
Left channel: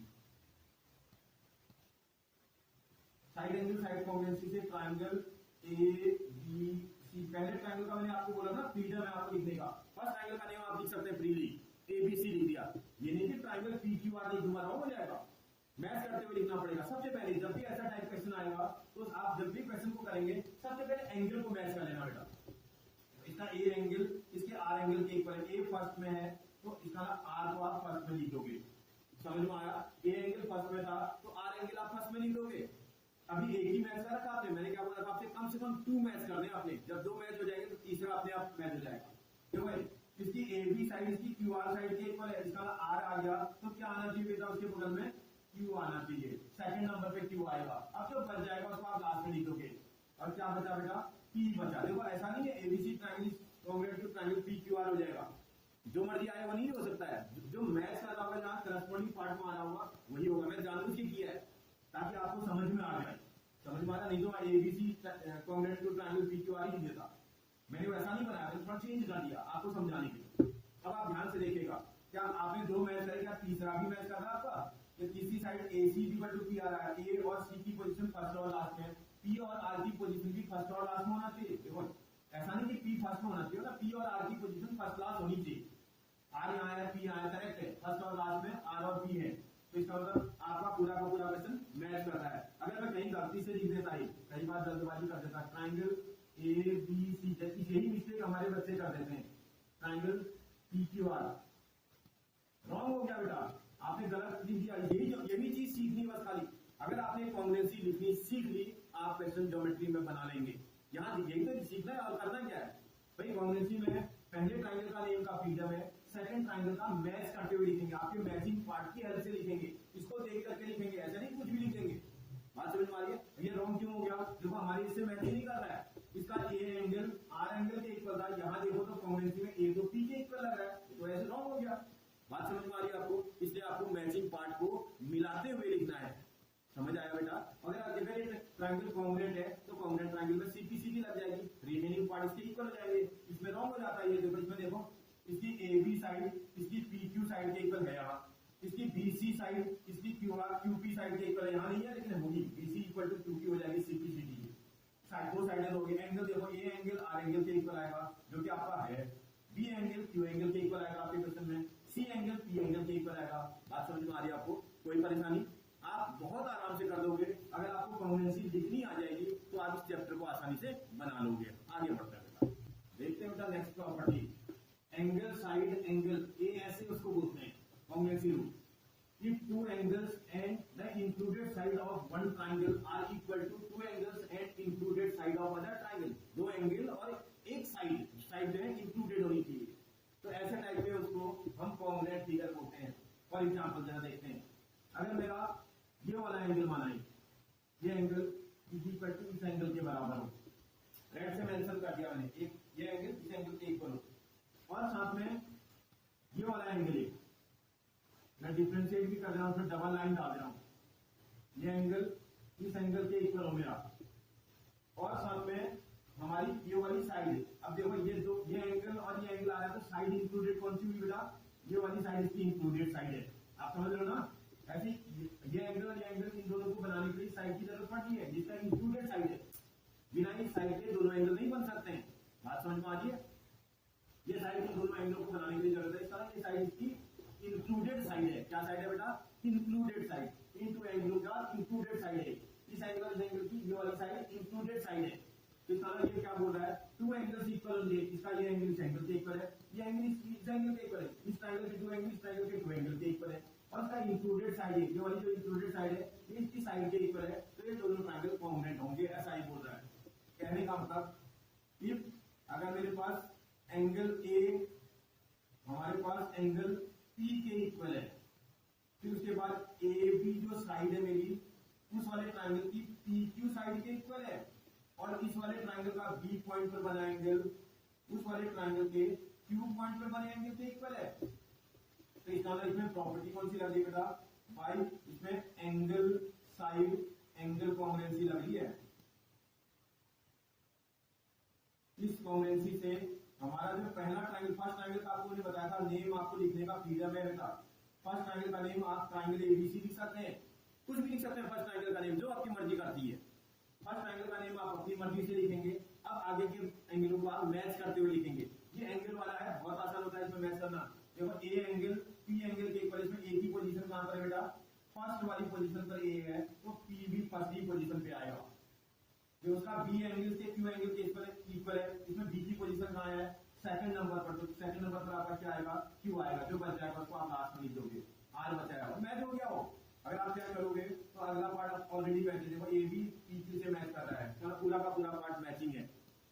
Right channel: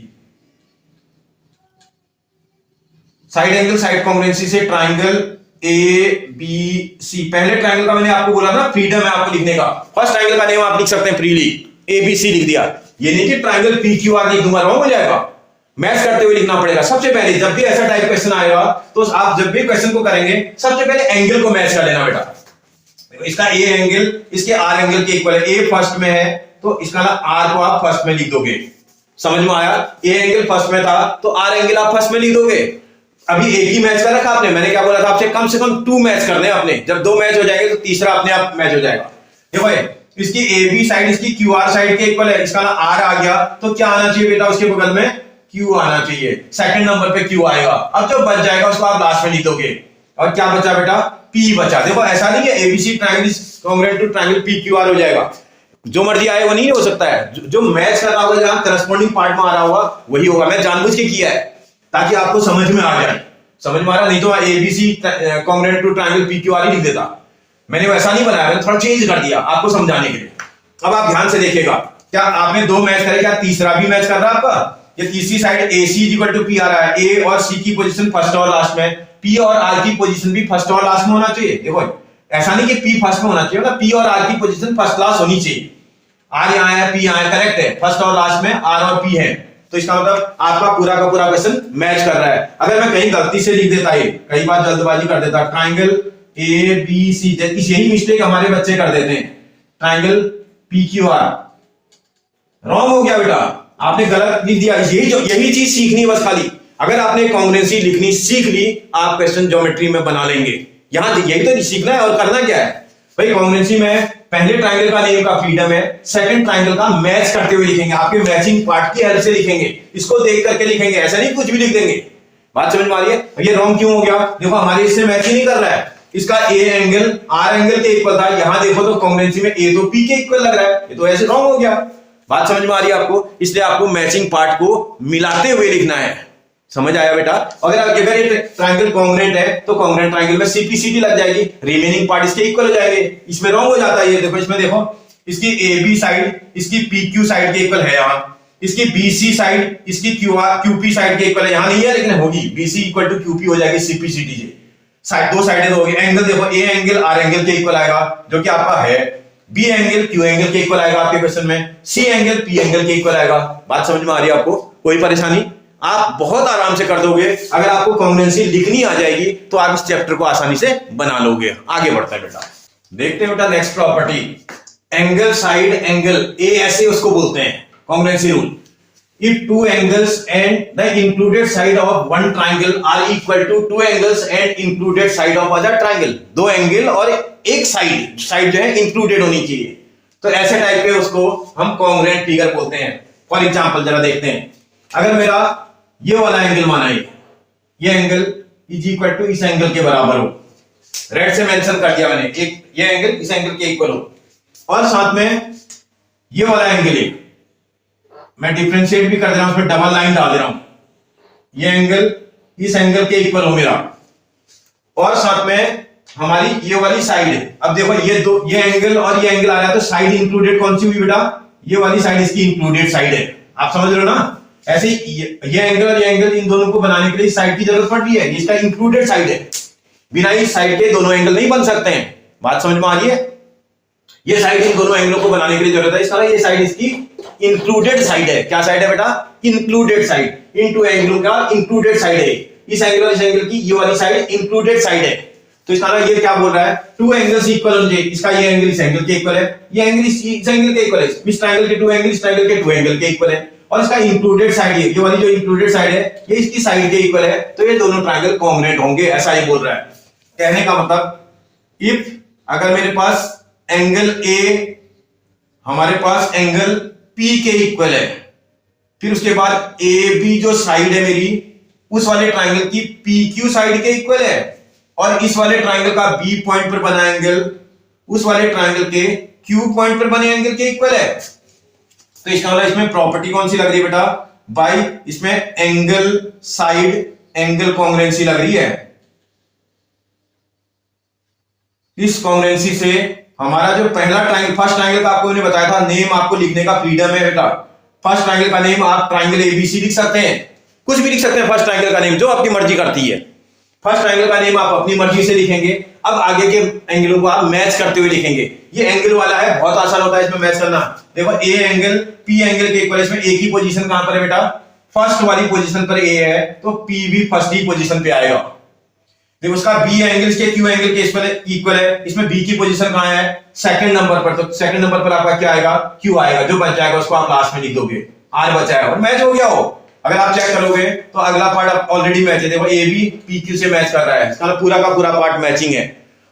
side angle side congruency से ट्राइंगल ए बी सी। पहले ट्राइंगल का मैंने आपको बोला था फ्रीडम है आपको लिखने का, फर्स्ट ट्राइंगल का नेम आप लिख सकते हैं फ्रीली, ए बी सी लिख दिया। ये नहीं कि ट्राइंगल पी क्यू आर लिख दूंगा, रॉन्ग हो जाएगा, मैच करते हुए लिखना पड़ेगा। सबसे पहले जब भी ऐसा टाइप क्वेश्चन आएगा तो आप जब भी क्वेश्चन को करेंगे सबसे पहले एंगल को मैच कर लेना बेटा। इसका ए एंगल इसके आर एंगल के इक्वल है, ए फर्स्ट में है तो इसका आर को आप फर्स्ट में लिख दोगे, समझ में आया? ए एंगल फर्स्ट में था तो आर एंगल आप फर्स्ट में लिख दोगे। अभी एक ही मैच कर रखा आपने, मैंने क्या बोला था आपसे, कम से कम 2 मैच करने हैं आपने, जब 2 मैच हो जाएंगे तो तीसरा अपने आप मैच हो जाएगा। देखो इसकी ए बी साइड इसकी क्यू आर साइड के इक्वल है, इसका आर आ गया तो क्या आना चाहिए बेटा, उसके बगल में क्यू आना चाहिए, सेकंड नंबर पे क्यू आएगा। अब जो बच जाएगा उसको आप लास्ट में लिख दोगे, और क्या बचा बेटा, पी बचा। देखो ऐसा नहीं है ABC triangle is congruent to triangle P Q R हो जाएगा, जो मर्जी आए वो नहीं हो सकता है, जो मैच कर रहा होगा जहां करस्पॉन्डिंग पार्ट में आ रहा होगा वही होगा। मैं जानबूझ के किया है ताकि आपको समझ में आ जाए, समझ में आ रहा, नहीं तो ABC congruent to triangle P Q R ही लिख देता। मैंने वैसा नहीं बनाया, मैंने थोड़ा चेंज कर दिया आपको समझाने के लिए। अब आप ध्यान से देखिएगा, क्या आपने 2 मैच करे, क्या तीसरा भी मैच कर रहा है आपका? ये तीसरी side AC equal to P आ रहा है, ए और सी की पोजीशन फर्स्ट और लास्ट में, पी और आर की पोजीशन भी फर्स्ट और लास्ट में होना चाहिए। देखो ऐसा नहीं कि पी फर्स्ट में होना चाहिए, मतलब पी और आर की पोजीशन फर्स्ट क्लास होनी चाहिए। आर यहाँ है, पी यहाँ है, करेक्ट है, फर्स्ट और लास्ट में आर और पी है, तो इसका मतलब आपका पूरा का पूरा क्वेश्चन मैच कर रहा है। अगर मैं कहीं गलती से लिख देता, ये कई बार जल्दबाजी कर देता, ट्राइंगल ए बी सी, यही मिस्टेक हमारे बच्चे कर देते हैं, triangle P Q are, wrong हो गया बेटा, आपने गलत लिख दिया। यही चीज सीखनी है बस खाली, अगर आपने कांग्रुएंसी लिखनी सीख ली आप क्वेश्चन ज्योमेट्री में बना लेंगे। यहां यही तो सीखना है, और करना क्या है भाई, कांग्रुएंसी में पहले ट्राइंगल का नेम का फ्रीडम है, सेकंड ट्राइंगल का मैच करते हुए लिखेंगे, आपके मैचिंग पार्ट की हेल्प से लिखेंगे, इसको देख करके लिखेंगे, ऐसा नहीं कुछ भी लिख देंगे। बात समझ में आ रही है? ये रॉन्ग क्यों हो गया? देखो हमारे इससे मैच ही नहीं कर रहा है, इसका ए एंगल आर एंगल के इक्वल था, यहां देखो तो कांग्रुएंसी में ए तो पी के इक्वल लग रहा है, ये तो ऐसे रॉन्ग हो गया। बात समझ में आ रही है आपको? इसलिए आपको मैचिंग पार्ट को मिलाते हुए लिखना है, समझ आया बेटा? अगर ये ट्रायंगल कांग्रुएंट है तो कांग्रुएंट ट्रायंगल में सीपीसीटी लग जाएगी, रिमेनिंग पार्ट इसके इक्वल हो जाएंगे। इसमें रॉन्ग हो जाता है, ये देखो इसमें देखो इसकी एबी साइड इसकी पीक्यू साइड के इक्वल है, यहां इसकी बीसी साइड इसकी क्यूपी साइड के इक्वल है, यहां नहीं है लेकिन होगी, बीसी इक्वल टू क्यूपी हो जाएगी सीपीसीटी से, साइड 2 साइडें हो गई। एंगल देखो ए एंगल आर एंगल के इक्वल आएगा जो कि आपका है, बी एंगल क्यू एंगल के इक्वल आएगा आपके क्वेश्चन में, सी एंगल पी एंगल के इक्वल आएगा। बात समझ में आ रही है आपको? कोई परेशानी? आप बहुत आराम से कर दोगे, अगर आपको कांग्रुएंसी लिखनी आ जाएगी तो आप इस चैप्टर को आसानी से बना लोगे। आगे बढ़ता है बेटा, देखते हैं बेटा next property, angle side angle, ए ऐसे उसको बोलते हैं congruency rule. If two angles and the included side of one triangle are equal to two angles and included side of other triangle, 2 angle और एक साइड जो है इंक्लूडेड होनी चाहिए, तो ऐसे टाइप के उसको हम कांग्रुएंट फिगर बोलते हैं। फॉर एग्जांपल जरा देखते हैं, अगर मेरा ये वाला एंगल माना ये एंगल इज इक्वल टू इस एंगल के बराबर हो, रेड से मेंशन कर दिया मैंने, एक ये एंगल इस एंगल के इक्वल हो, और साथ में ये वाला एंगल मैं डिफरेंशिएट भी कर दे रहा हूं, उसमें डबल लाइन डाल दे रहा हूं, ये एंगल इस एंगल के इक्वल हो मेरा, और साथ में हमारी ये वाली साइड। अब देखो ये एंगल और ये एंगल आ रहा है, तो साइड इंक्लूडेड कौन सी हुई बेटा? ये वाली साइड इसकी इंक्लूडेड साइड है, आप समझ रहे हो ना? ऐसे ये एंगल और ये एंगल, इन दोनों को बनाने के लिए साइड की जरूरत पड़ती है, इसका इंक्लूडेड साइड है, बिना इस साइड के दोनों एंगल नहीं बन सकते हैं। बात समझ में आ रही है? ये साइड इन दोनों एंगलों को बनाने के लिए जरूरत है, इसका ये साइड इसकी इंक्लूडेड साइड है। क्या साइड है बेटा? इंक्लूडेड साइड, इन 2 एंगलों का इंक्लूडेड साइड है, इस एंगल और इस एंगल की ये वाली साइड इंक्लूडेड साइड है। तो इसका ये क्या बोल रहा है, 2 एंगल्स इक्वल होंगे, इसका ये एंगल इस एंगल के इक्वल है, ये एंगल इस एंगल के इक्वल है, इस ट्रायंगल के 2 एंगल इस ट्रायंगल के 2 एंगल के इक्वल है, और इसका इंक्लूडेड साइड ये वाली जो इंक्लूडेड साइड है ये इसकी साइड के इक्वल है, तो ये दोनों ट्रायंगल कांग्रुएंट होंगे, ऐसा ये बोल रहा है। कहने का मतलब, इफ अगर मेरे पास एंगल ए हमारे पास एंगल P के इक्वल है, फिर उसके बाद AB जो साइड है मेरी उस वाले ट्रायंगल की PQ साइड के इक्वल है, और इस वाले ट्राइंगल का बी पॉइंट पर बना एंगल उस वाले ट्राइंगल के क्यू पॉइंट पर बने एंगल के इक्वल है। तो इसका मतलब इसमें प्रॉपर्टी कौन सी लग रही है बेटा, बाई इसमें एंगल साइड एंगल कॉन्ग्रुएंसी लग रही है। इस कॉन्ग्रुएंसी से हमारा जो पहला ट्राइंगल, फर्स्ट ट्राइंगल का आपको मैंने बताया था नेम आपको लिखने का फ्रीडम है बेटा। फर्स्ट ट्राइंगल का नेम आप ट्राइंगल एबीसी लिख सकते हैं, कुछ भी लिख सकते हैं फर्स्ट ट्राइंगल का नेम, जो आपकी मर्जी करती है। फर्स्ट ट्राइंगल का नेम आप अपनी मर्जी से लिखेंगे। अब आगे के एंगलों को आप मैच करते हुए लिखेंगे। ये एंगल वाला है, बहुत आसान होता है इसमें मैच करना। देखो ए एंगल पी एंगल के इक्वल, इसमें ए की पोजीशन कहां पर है बेटा, फर्स्ट वाली पोजीशन पर ए है, तो पी भी फर्स्ट ही पोजीशन पे आएगा। देखो उसका बी एंगल इसके क्यू एंगल के इक्वल है, इसमें बी की पोजीशन कहां है, सेकंड नंबर पर। तो सेकंड नंबर पर आपका क्या आएगा, क्यू आएगा। जो बच जाएगा उसको आप लास्ट में लिख दोगे, आर बचा है और मैच हो गया हो। अगर आप चेक करोगे तो अगला पार्ट ऑलरेडी मैच है। देखो ए बी पी क्यू से मैच कर रहा है, इसका पूरा का पूरा पार्ट मैचिंग है।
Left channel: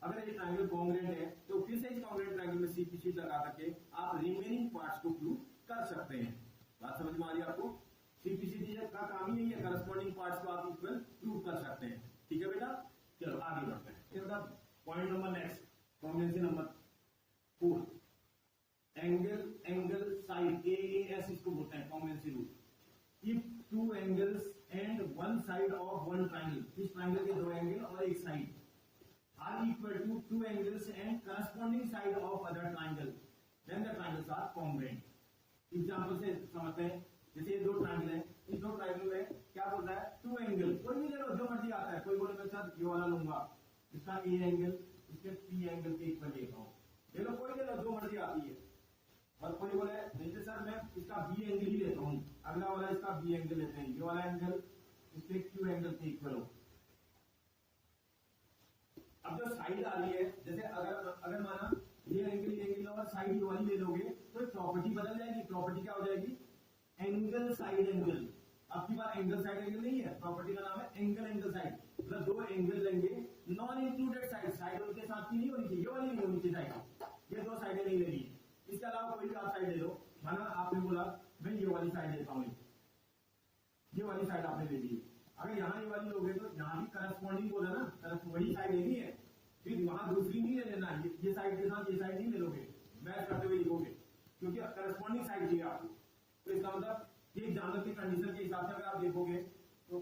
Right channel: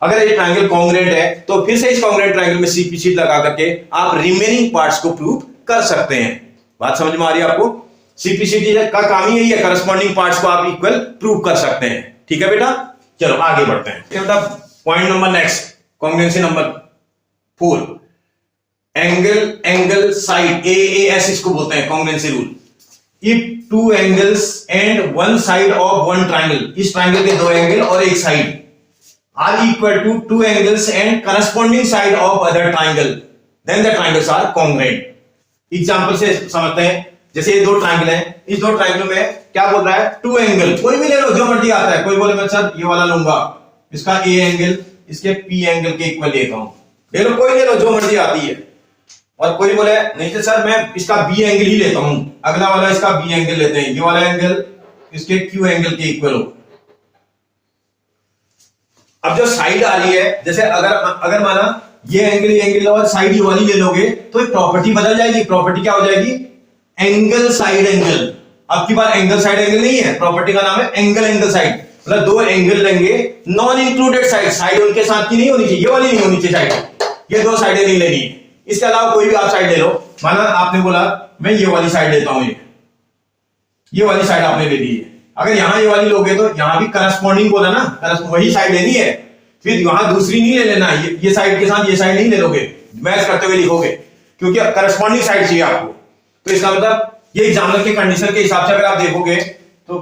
अगर ये ट्रायंगल कॉन्ग्रुएंट है तो फिर से इस कॉन्ग्रुएंट ट्रायंगल में सीपी शीट लगा करके आप रिमेनिंग पार्ट्स को प्रूव कर सकते हैं। बात समझ में आ रही है आपको? सीपी शीट का काम ही यही है, करस्पॉन्डिंग पार्ट्स को आप इक्वल प्रूव कर सकते हैं। ठीक है बेटा, चलो आगे बढ़ते हैं। Point number next, congruency number 4, angle side as इसको बोलते हैं congruency rule. If two angles and one side of one triangle, इस ट्राइंगल के दो एंगल और एक side are equal to two angles and corresponding side of other triangle, then the triangles are congruent. Example से समझते हैं। जैसे ये दो ट्राइंगल हैं, इस दो ट्राइंगल में क्या बोल रहा है, टू एंगल, कोई भी ले लो जो मर्जी आता है। कोई बोले मैं सर ये वाला लूंगा, इसका ए एंगल इसके पी एंगल के इक्वल लेता हूं, ले लो, कोई ले लो जो मर्जी आती है। और कोई बोले नहीं तो सर मैं इसका बी एंगल ही लेता हूं, अगला वाला इसका बी एंगल लेते हैं, ये वाला एंगल इसके क्यू एंगल के इक्वल हो। अब जो साइड आ रही है, जैसे अगर माना ये एंगल और साइड ये वाली ले लोगे तो प्रॉपर्टी बदल जाएगी। प्रॉपर्टी क्या हो जाएगी, एंगल साइड एंगल। अब की बार एंगल साइड एंगल नहीं है, प्रॉपर्टी का नाम है एंगल साइड। मतलब दो एंगल लेंगे, नॉन इंक्लूडेड साइड, साइड उनके साथ की नहीं होनी चाहिए, ये वाली नहीं होनी चाहिए साइड, ये दो साइडें नहीं लेनी है। इसके अलावा कोई भी आप साइड ले लो। माना आपने बोला मैं ये वाली साइड लेता हूं, ये वाली साइड आपने ले ली है। अगर यहां ये वाली लोगे तो यहां भी करस्पॉन्डिंग बोला ना, वही साइड लेनी है। फिर वहां दूसरी नहीं ले लेना, ये साइड के साथ ये साइड नहीं ले लोगे, मैच करते हुए लिखोगे, क्योंकि करस्पॉन्डिंग साइड चाहिए आपको। तो इसका मतलब ये एग्जाम्पल के कंडीशन के हिसाब से अगर आप देखोगे तो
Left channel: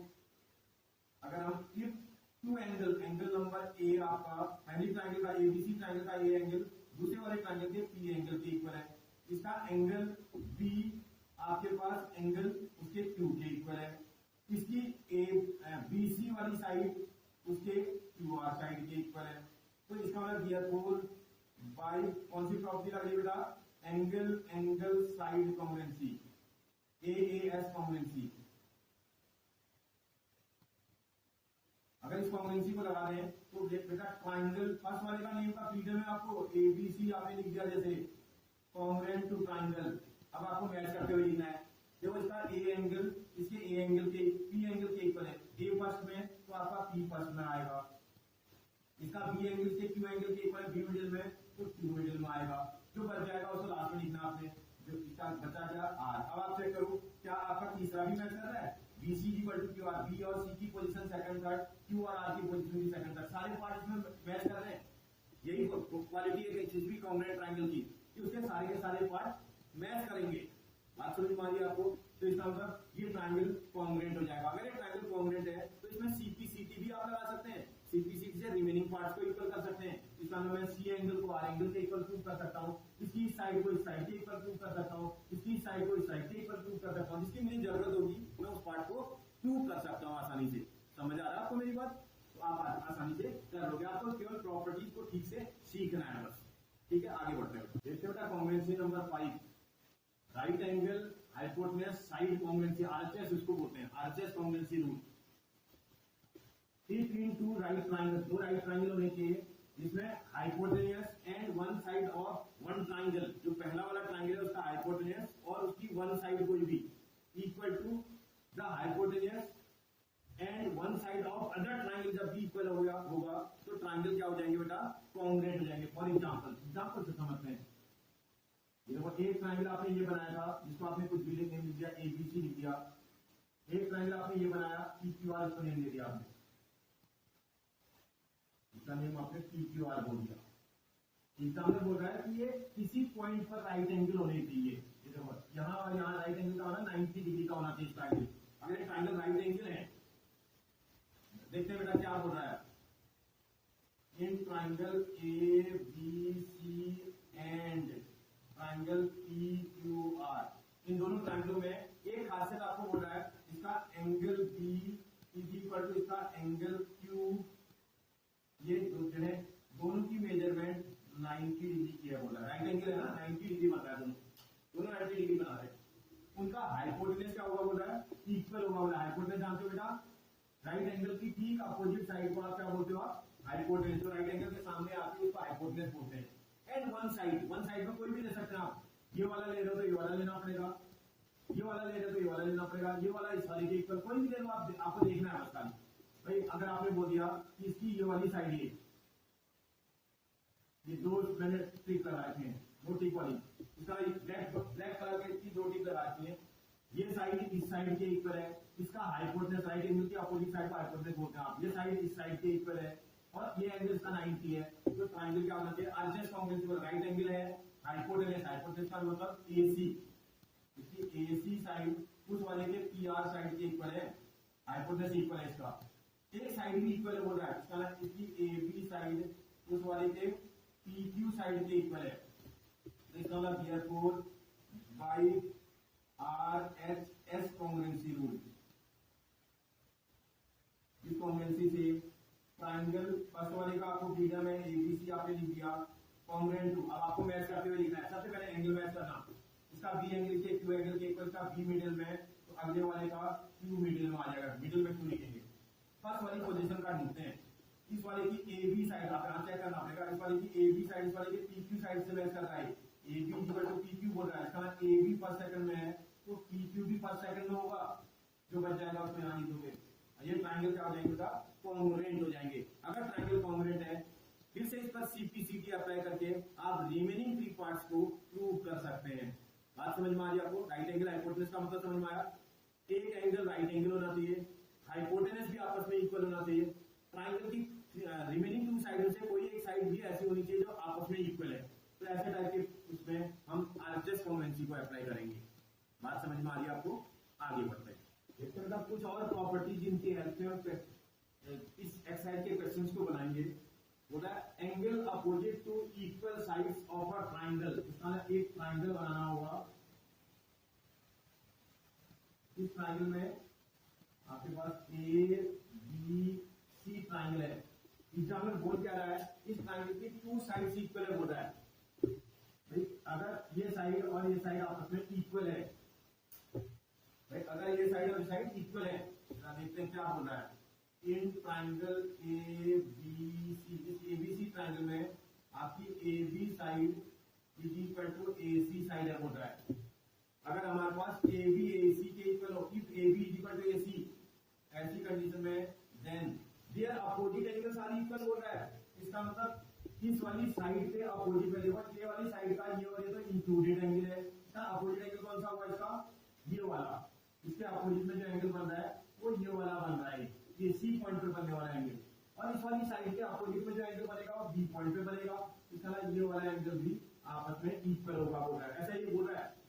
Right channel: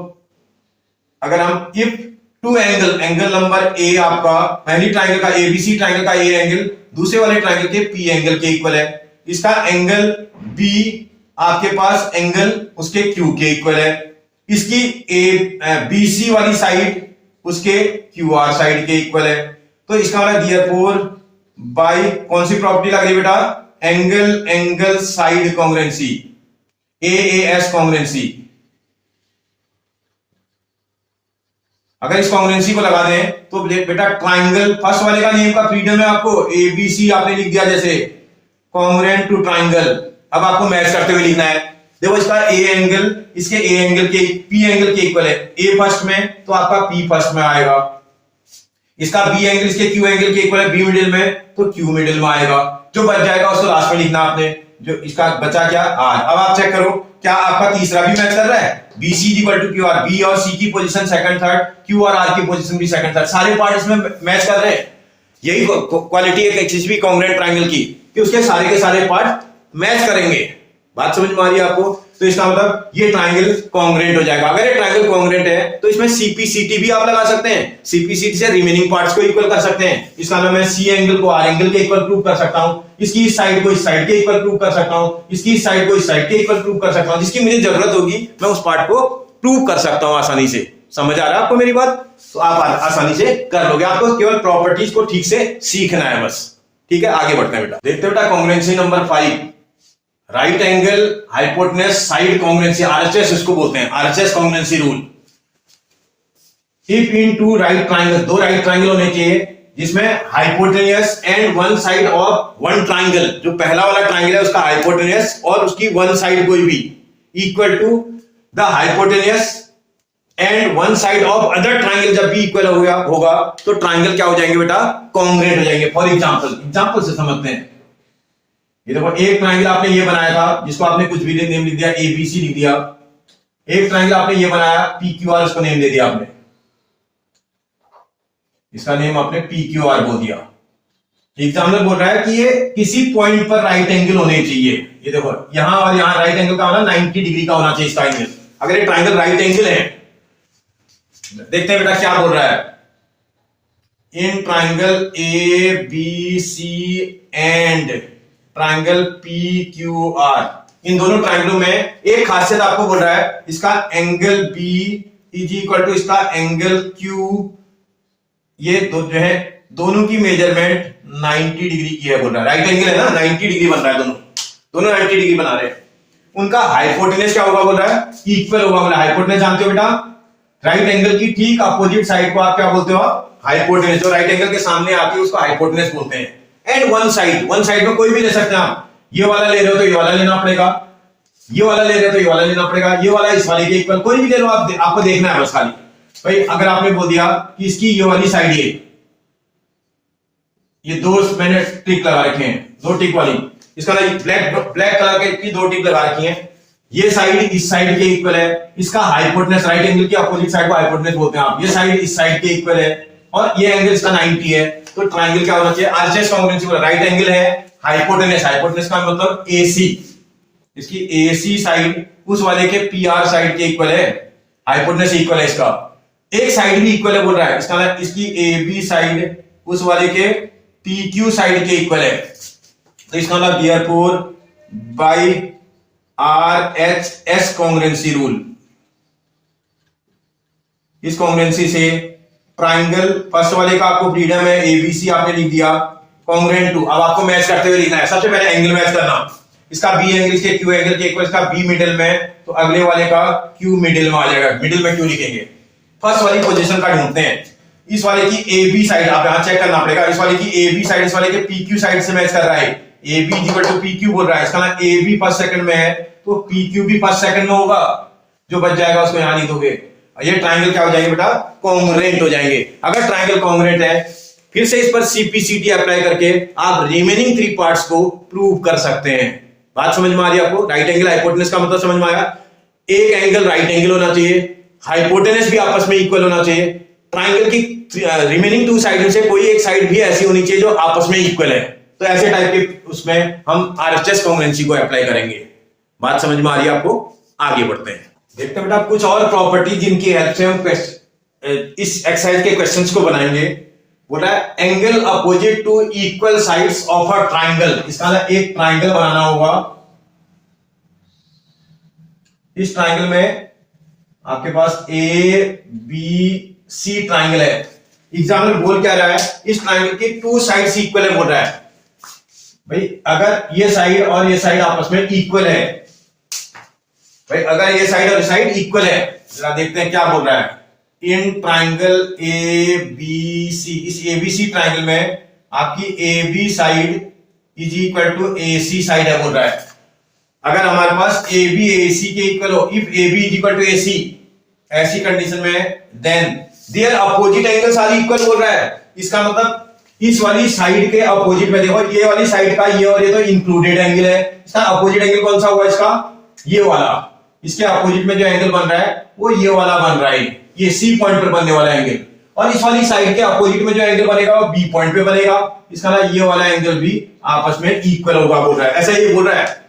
अगर हम if two angle number A आपका पहली ट्राइंगल का एबीसी ट्राइंगल का ए एंगल दूसरे वाले ट्राइंगल के पी एंगल के इक्वल है, इसका एंगल बी आपके पास एंगल उसके क्यू के इक्वल है, इसकी बीसी वाली साइड उसके क्यू आर साइड के इक्वल है। तो इसका मतलब देयरफॉर बाय कौन सी प्रॉपर्टी लग रही है बेटा, angle side congruency, as congruency. अगर इस कॉन्ग्रुएंसी को लगा दें तो बेटा ट्राइंगल फर्स्ट वाले का नेम का फ्रीडम है आपको, एबीसी आपने लिख दिया जैसे कॉन्ग्रुएंट टू ट्राइंगल। अब आपको मैच करते हुए लिखना है। देखो इसका ए एंगल इसके ए एंगल के पी एंगल के इक्वल है, ए फर्स्ट में तो आपका पी फर्स्ट में आएगा, इसका बी एंगल इसके क्यू एंगल के इक्वल है बी मिडिल में तो क्यू मिडिल में आएगा। जो बच जाएगा उसको लास्ट में लिखना आपने, जो इसका बचा क्या आर। अब आप चेक करो क्या आपका तीसरा भी मैच कर रहा है, B C equal to Q R, B और सी की पोजीशन सेकंड थर्ड, क्यू और आर की पोजीशन भी सेकंड थर्ड, सारे पार्ट इसमें मैच कर रहे हैं। यही क्वालिटी है किसी भी कॉन्ग्रुएंट ट्राइंगल की कि उसके सारे के सारे पार्ट मैच करेंगे। बात समझ में आ रही है आपको? तो इसका मतलब ये ट्राइंगल कॉन्ग्रुएंट हो जाएगा। अगर ये ट्राइंगल कॉन्ग्रुएंट है तो इसमें सीपीसीटी भी आप लगा सकते हैं, सीपीसीटी से रिमेनिंग पार्ट्स को इक्वल कर सकते हैं। इसका मतलब मैं सी एंगल को आर एंगल के इक्वल प्रूव कर सकता हूं, इसकी इस साइड को इस साइड के इक्वल प्रूव कर सकता हूं, इसकी इस साइड को इस साइड के इक्वल प्रूव कर सकता हूं। जिसकी मुझे जरूरत होगी मैं उस पार्ट को प्रूव कर सकता हूं आसानी से। समझ आ रहा है आपको मेरी बात? तो आप आसानी से कर लोगे, आपको केवल प्रॉपर्टीज को ठीक से सीखना है बस। ठीक है, आगे बढ़ते हैं बेटा। देखते बेटा congruency number 5, right angle hypotenuse side congruency, RHS इसको बोलते हैं, RHS congruency rule. If in two right triangle, दो राइट ट्राइंगल होने चाहिए जिसमें hypotenuse and one side of one triangle, जो पहला वाला ट्राइंगल है उसका हाइपोटेनियस और उसकी वन साइड कोई भी equal to the hypotenuse and one side of other triangle, जब भी इक्वल होगा तो ट्राइंगल क्या हो जाएंगे बेटा, कॉन्ग्रुएंट हो जाएंगे। फॉर एग्जांपल से समझते हैं। ये देखो एक ट्राइंगल आपने ये बनाया था जिसको आपने कुछ भी नेम लिख दिया, एबीसी लिख दिया। एक ट्राइंगल आपने ये बनाया पी क्यू आर, उसको नेम दे दिया आपने। इसका नेम आपने PQR बोल दिया। एग्जाम्पल बोल रहा है कि ये किसी पॉइंट पर राइट एंगल होने चाहिए। ये देखो यहां और यहां राइट एंगल का होना 90 डिग्री का होना चाहिए इसका एंगल। अगर ये ट्राइंगल राइट एंगल है, देखते हैं बेटा क्या बोल रहा है। In triangle ABC and triangle PQR, इन दोनों ट्राइंगलों में एक खासियत आपको बोल रहा है, इसका angle B is equal to इसका एंगल Q, ये जो है दोनों की मेजरमेंट 90 डिग्री की है बोल रहा है। राइट एंगल है ना, 90 डिग्री बन रहा है, दोनों 90 डिग्री बना रहे हैं। उनका हाइपोटेनस क्या होगा बोल रहा है, इक्वल होगा बोला। हाइपोटेनस जानते हो बेटा, राइट एंगल की ठीक अपोजिट साइड को आप क्या बोलते हो, हाइपोटेनस। जो राइट एंगल के सामने आती है उसको हाइपोटेनस बोलते हैं। एंड वन साइड में कोई भी ले सकते हैं आप। ये वाला ले रहे हो तो ये वाला लेना पड़ेगा, ये वाला ले रहे हो तो ये वाला लेना पड़ेगा, ये वाला इस वाले के इक्वल, कोई भी ले लो आप, आपको देखना है बस खाली। भाई अगर आपने बोल दिया कि इसकी ये वाली साइड ये दो मैंने टिक लगा रखे हैं, दो टिक वाली, इसका ब्लैक कलर के की दो टिक लगा रखी हैं, ये साइड इस साइड के इक्वल है, इसका हाइपोटेनस राइट एंगल की अपोजिट साइड को हाइपोटेनस बोलते हैं आप, ये साइड इस साइड के इक्वल है और ये एंगल इसका 90 है, तो ट्रायंगल क्या होना चाहिए, आरएचएस कांग्रुएंसी बोला। राइट एंगल है, हाइपोटेनस का मतलब AC, इसकी AC साइड उस वाले के PR साइड के इक्वल है, हाइपोटेनस इक्वल है इसका। एक साइड भी इक्वल है बोल रहा है, इसका इसकी AB साइड उस वाले के PQ साइड के इक्वल है, तो इसका मतलब देयरफॉर बाय RHS कांग्रुएंसी रूल, इस कांग्रुएंसी से ट्राइंगल फर्स्ट वाले का आपको फ्रीडम है, ABC आपने लिख दिया, कांग्रुएंट टू। अब आपको मैच करते हुए लिखना है। सबसे पहले एंगल मैच करना, इसका B एंगल के Q एंगल के इक्वल, इसका B मिडिल में, तो अगले वाले का Q मिडिल में आ जाएगा। मिडिल में क्यों लिखेंगे, फर्स्ट वाली पोजीशन का ढूंढते हैं। इस वाले की AB साइड आप यहां चेक करना पड़ेगा, इस वाले की AB साइड इस वाले के PQ साइड से मैच कर रहा है, AB इक्वल टू PQ बोल रहा है, इसका ना AB फर्स्ट सेकंड में है तो PQ भी फर्स्ट सेकंड में होगा, जो बच जाएगा उसको यहां लिख दोगे। ये ट्रायंगल क्या हो जाएंगे बेटा, कॉन्ग्रुएंट हो जाएंगे। अगर ट्रायंगल कॉन्ग्रुएंट है, फिर से इस पर CPCT अप्लाई करके आप रिमेनिंग 3 पार्ट्स को प्रूव कर सकते हैं। बात समझ में आ रही है आपको? राइट एंगल हाइपोटेनस का मतलब समझ में आया। एक एंगल राइट एंगल होना चाहिए, हाइपोटेनस भी आपस में इक्वल होना चाहिए, ट्रायंगल की रिमेनिंग 2 साइड से कोई एक साइड भी ऐसी होनी चाहिए जो आपस में इक्वल है। तो ऐसे टाइप के उसमें हम RHS कांग्रुएंसी को अप्लाई करेंगे। बात समझ में आ रही है आपको? आगे बढ़ते हैं, देखते हैं बेटा कुछ और प्रॉपर्टी जिनकी हेल्प से हम इस एक्सरसाइज के क्वेश्चंस को बनाएंगे। बोला है angle opposite to equal sides of a triangle. इसका एक ट्रायंगल बनाना होगा, इस ट्रायंगल में आपके पास ABC ट्रायंगल है। एग्जाम्पल बोल क्या रहा है, इस ट्रायंगल के 2 साइड्स इक्वल है बोल रहा है। भाई अगर ये साइड और ये साइड आपस में इक्वल है, भाई अगर ये साइड और ये साइड इक्वल है, जरा देखते हैं क्या बोल रहा है। इन ट्रायंगल ABC, इस ABC ट्रायंगल में आपकी AB side is equal to AC side है बोल रहा है। अगर हमारे पास AB AC के इक्वल हो, if AB is equal to AC, ऐसी कंडीशन में then their opposite angles are equal बोल रहा है। इसका मतलब इस वाली साइड के अपोजिट में देखो, ये वाली साइड का ये और ये तो इंक्लूडेड एंगल है, इसका अपोजिट एंगल कौन सा होगा, इसका ये वाला। इसके अपोजिट में जो एंगल बन रहा है वो ये वाला बन रहा है, ये C पॉइंट पर बनने वाला एंगल, और इस वाली साइड के अपोजिट में जो एंगल बनेगा वो B पॉइंट पे बनेगा। इसका ना ये वाला एंगल भी आपस में इक्वल होगा बोल रहा है। ऐसा ये बोल रहा है,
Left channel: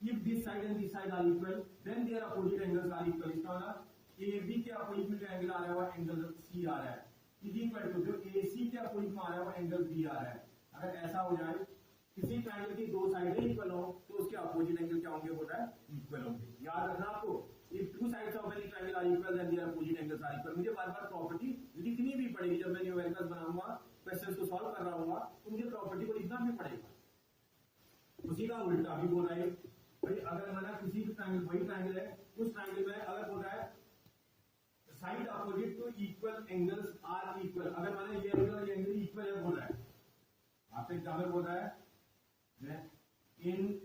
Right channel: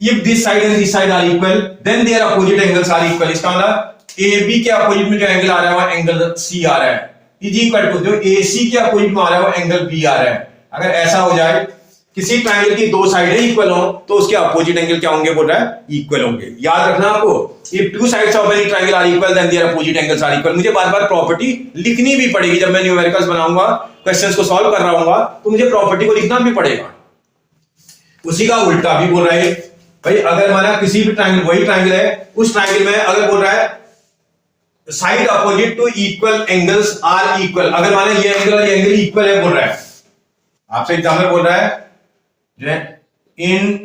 if this side and this side are equal then their opposite angles are equal. इसका मतलब AB के अपोजिट में जो एंगल आ रहा है वो एंगल C आ रहा है, इज इक्वल टू जो AC के अपोजिट में आ रहा है वो एंगल B आ रहा है। अगर ऐसा हो जाए, किसी ट्रायंगल की 2 साइडें इक्वल हो, तो उसके अपोजिट एंगल क्या होंगे बोल रहा है, इक्वल होंगे। याद रखना आपको, if 2 sides of any triangle are equal then their opposite angles are equal. मुझे बार-बार प्रॉपर्टी लिखनी भी पड़ेगी, जब मैं न्यूमेरिकल्स बनाऊंगा, क्वेश्चंस को सॉल्व कर रहा हूंगा, तो मुझे प्रॉपर्टी को लिखना भी पड़ेगा। उसी का उल्टा भी बोल रहा है, भाई अगर माना किसी भी ट्रायंगल, वही ट्रायंगल है, उस ट्रायंगल में अगर बोल रहा है side opposite to equal angles are equal, अगर माना ये एंगल और ये एंगल इक्वल है बोल रहा है, आपसे एग्जाम्पल बोल रहा है जो इन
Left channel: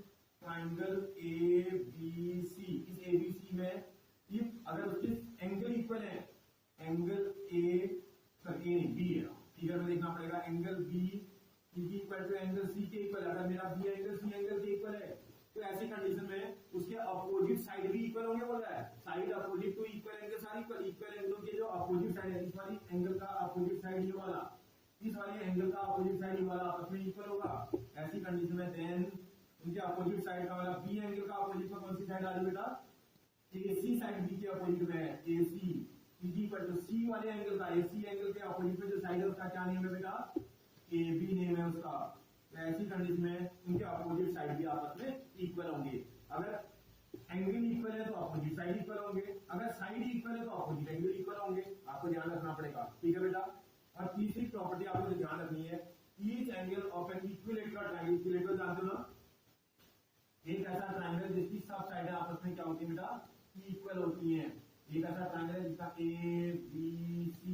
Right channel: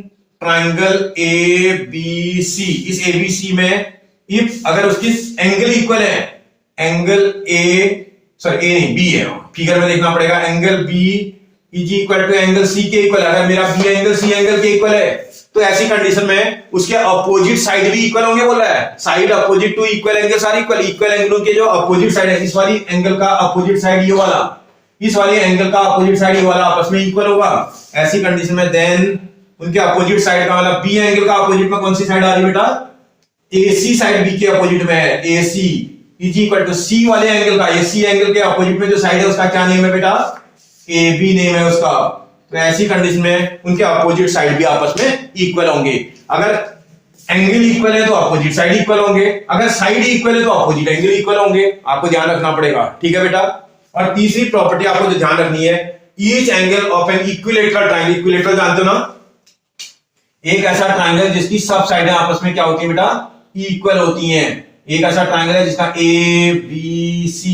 ट्रायंगल ABC, इस ABC में इफ अगर उसकी एंगल इक्वल है, एंगल A नहीं B है, फिगर में देखना पड़ेगा, angle B is equal to angle C के इक्वल। अगर मेरा B एंगल C एंगल के इक्वल है, तो ऐसी कंडीशन में उसके अपोजिट साइड भी इक्वल होंगे बोल रहा है। Side opposite to equal angles are equal, equal एंगलों के जो अपोजिट साइड है, इस वाली एंगल का अपोजिट साइड ये वाला, इस वाले एंगल का अपोजिट साइड ये वाला आपस में इक्वल होगा। ऐसी कंडीशन में देन उनके अपोजिट साइड का मतलब बी एंगल का अपोजिट में कौन सी साइड आ रही बेटा, AC साइड बी के अपोजिट में है, AC इज इक्वल टू सी वाले एंगल का, AC एंगल के अपोजिट में जो साइड है उसका क्या नेम है बेटा, AB नेम है उसका। तो ऐसी कंडीशन में उनके अपोजिट साइड भी आपस में इक्वल होंगे। अगर एंगल इक्वल है तो अपोजिट साइड इक्वल होंगे, अगर साइड इक्वल है तो अपोजिट एंगल इक्वल होंगे। आपको ध्यान रखना पड़ेगा, ठीक है बेटा। और तीसरी प्रॉपर्टी आपको जो ध्यान रखनी है, each angle of an equilateral triangle, equilateral जानते हो ना, एक ऐसा ट्रायंगल जिसकी सब साइडें आपस में क्या होती है बेटा, इक्वल होती हैं। एक ऐसा ट्रायंगल है जिसका ABC,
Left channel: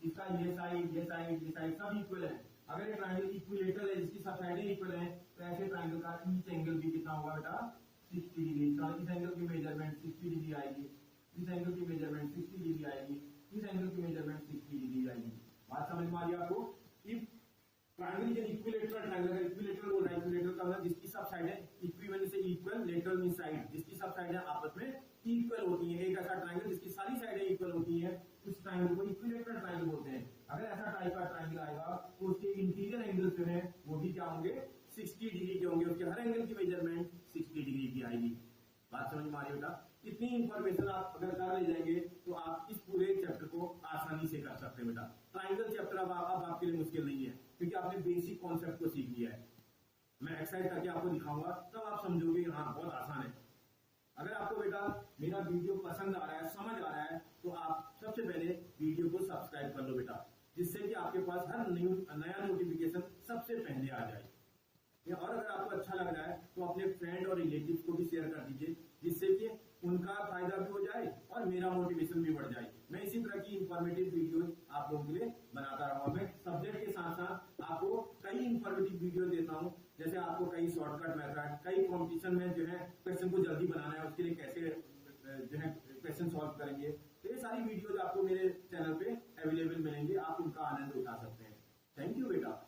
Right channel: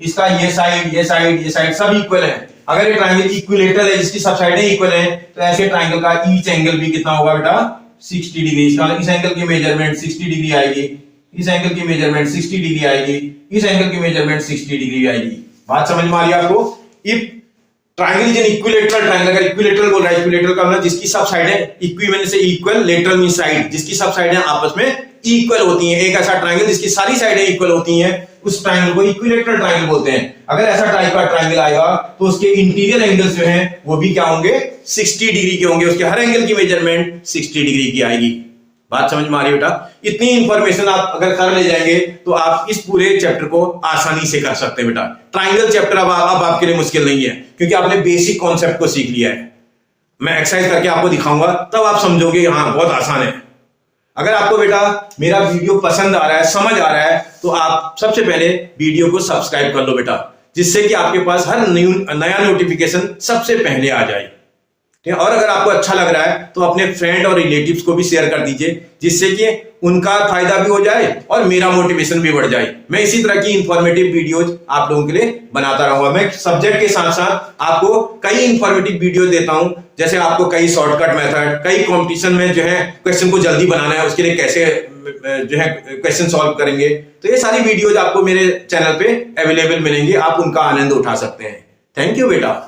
इसका ये साइड ये साइड ये साइड सब इक्वल है। अगर ये ट्रायंगल इक्विलेटरल है जिसकी सब साइडें इक्वल हैं, तो ऐसे ट्रायंगल का ईच एंगल भी कितना होगा बेटा, 60 डिग्री। इसका इस एंगल की मेजरमेंट 60 डिग्री आएगी, इस एंगल की मेजरमेंट 60 डिग्री आएगी, इस एंगल की मेजरमेंट 60 डिग्री आएगी। बात समझ में आ रही है आपको। If triangle is an equilateral triangle, अगर इक्विलेटरल बोल रहा है, इक्विलेटरल का मतलब जिसकी सब साइडें इक्विवेलेंट से इक्वल, लेटरल मींस साइड, जिसकी सब साइडें आपस में इक्वल होती हैं। एक ऐसा ट्रायंगल जिसकी सारी साइडें इक्वल होती हैं, उस ट्रायंगल को इक्विलेटरल ट्रायंगल बोलते हैं। अगर ऐसा टाइप का ट्रायंगल आएगा तो उसके इंटीरियर एंगल्स जो हैं वो भी क्या होंगे, 60 डिग्री के होंगे। उसके हर एंगल की मेजरमेंट 60 डिग्री की आएगी। बात समझ में आ रही है बेटा। इतनी इंफॉर्मेशन आप अगर कर ले जाएंगे तो आप इस पूरे चैप्टर को आसानी से कर सकते हैं बेटा। ट्रायंगल चैप्टर अब आपके लिए मुश्किल नहीं है, क्योंकि आपने बेसिक कॉन्सेप्ट को सीख लिया है। मैं एक्सरसाइज करके आपको दिखाऊंगा, तब आप समझोगे हाँ बहुत आसान है। अगर आपको बेटा मेरा वीडियो पसंद आ रहा है, समझ आ रहा है, तो आप सबसे पहले वीडियो को सब्सक्राइब कर लो बेटा, जिससे कि आपके पास हर नया नोटिफिकेशन सबसे पहले आ जाए। ठीक है। और अगर आपको अच्छा लग रहा है तो अपने फ्रेंड और रिलेटिव्स को भी शेयर कर दीजिए, जिससे कि उनका फायदा भी हो जाए और मेरा मोटिवेशन भी बढ़ जाए। मैं इसी तरह की इंफॉर्मेटिव वीडियोज आप लोगों के लिए बनाता रहूंगा। मैं सब्जेक्ट के साथ साथ आपको कई इंफॉर्मेटिव वीडियो देता हूं, जैसे आपको कई शॉर्टकट मेथड, कई कंपटीशन में जो है क्वेश्चन को जल्दी बनाना है, उसके लिए कैसे जो है क्वेश्चन सॉल्व करेंगे। तो ये सारी वीडियोज आपको मेरे चैनल पे अवेलेबल मिलेंगे, आप उनका आनंद उठा सकते हैं। थैंक यू बेटा।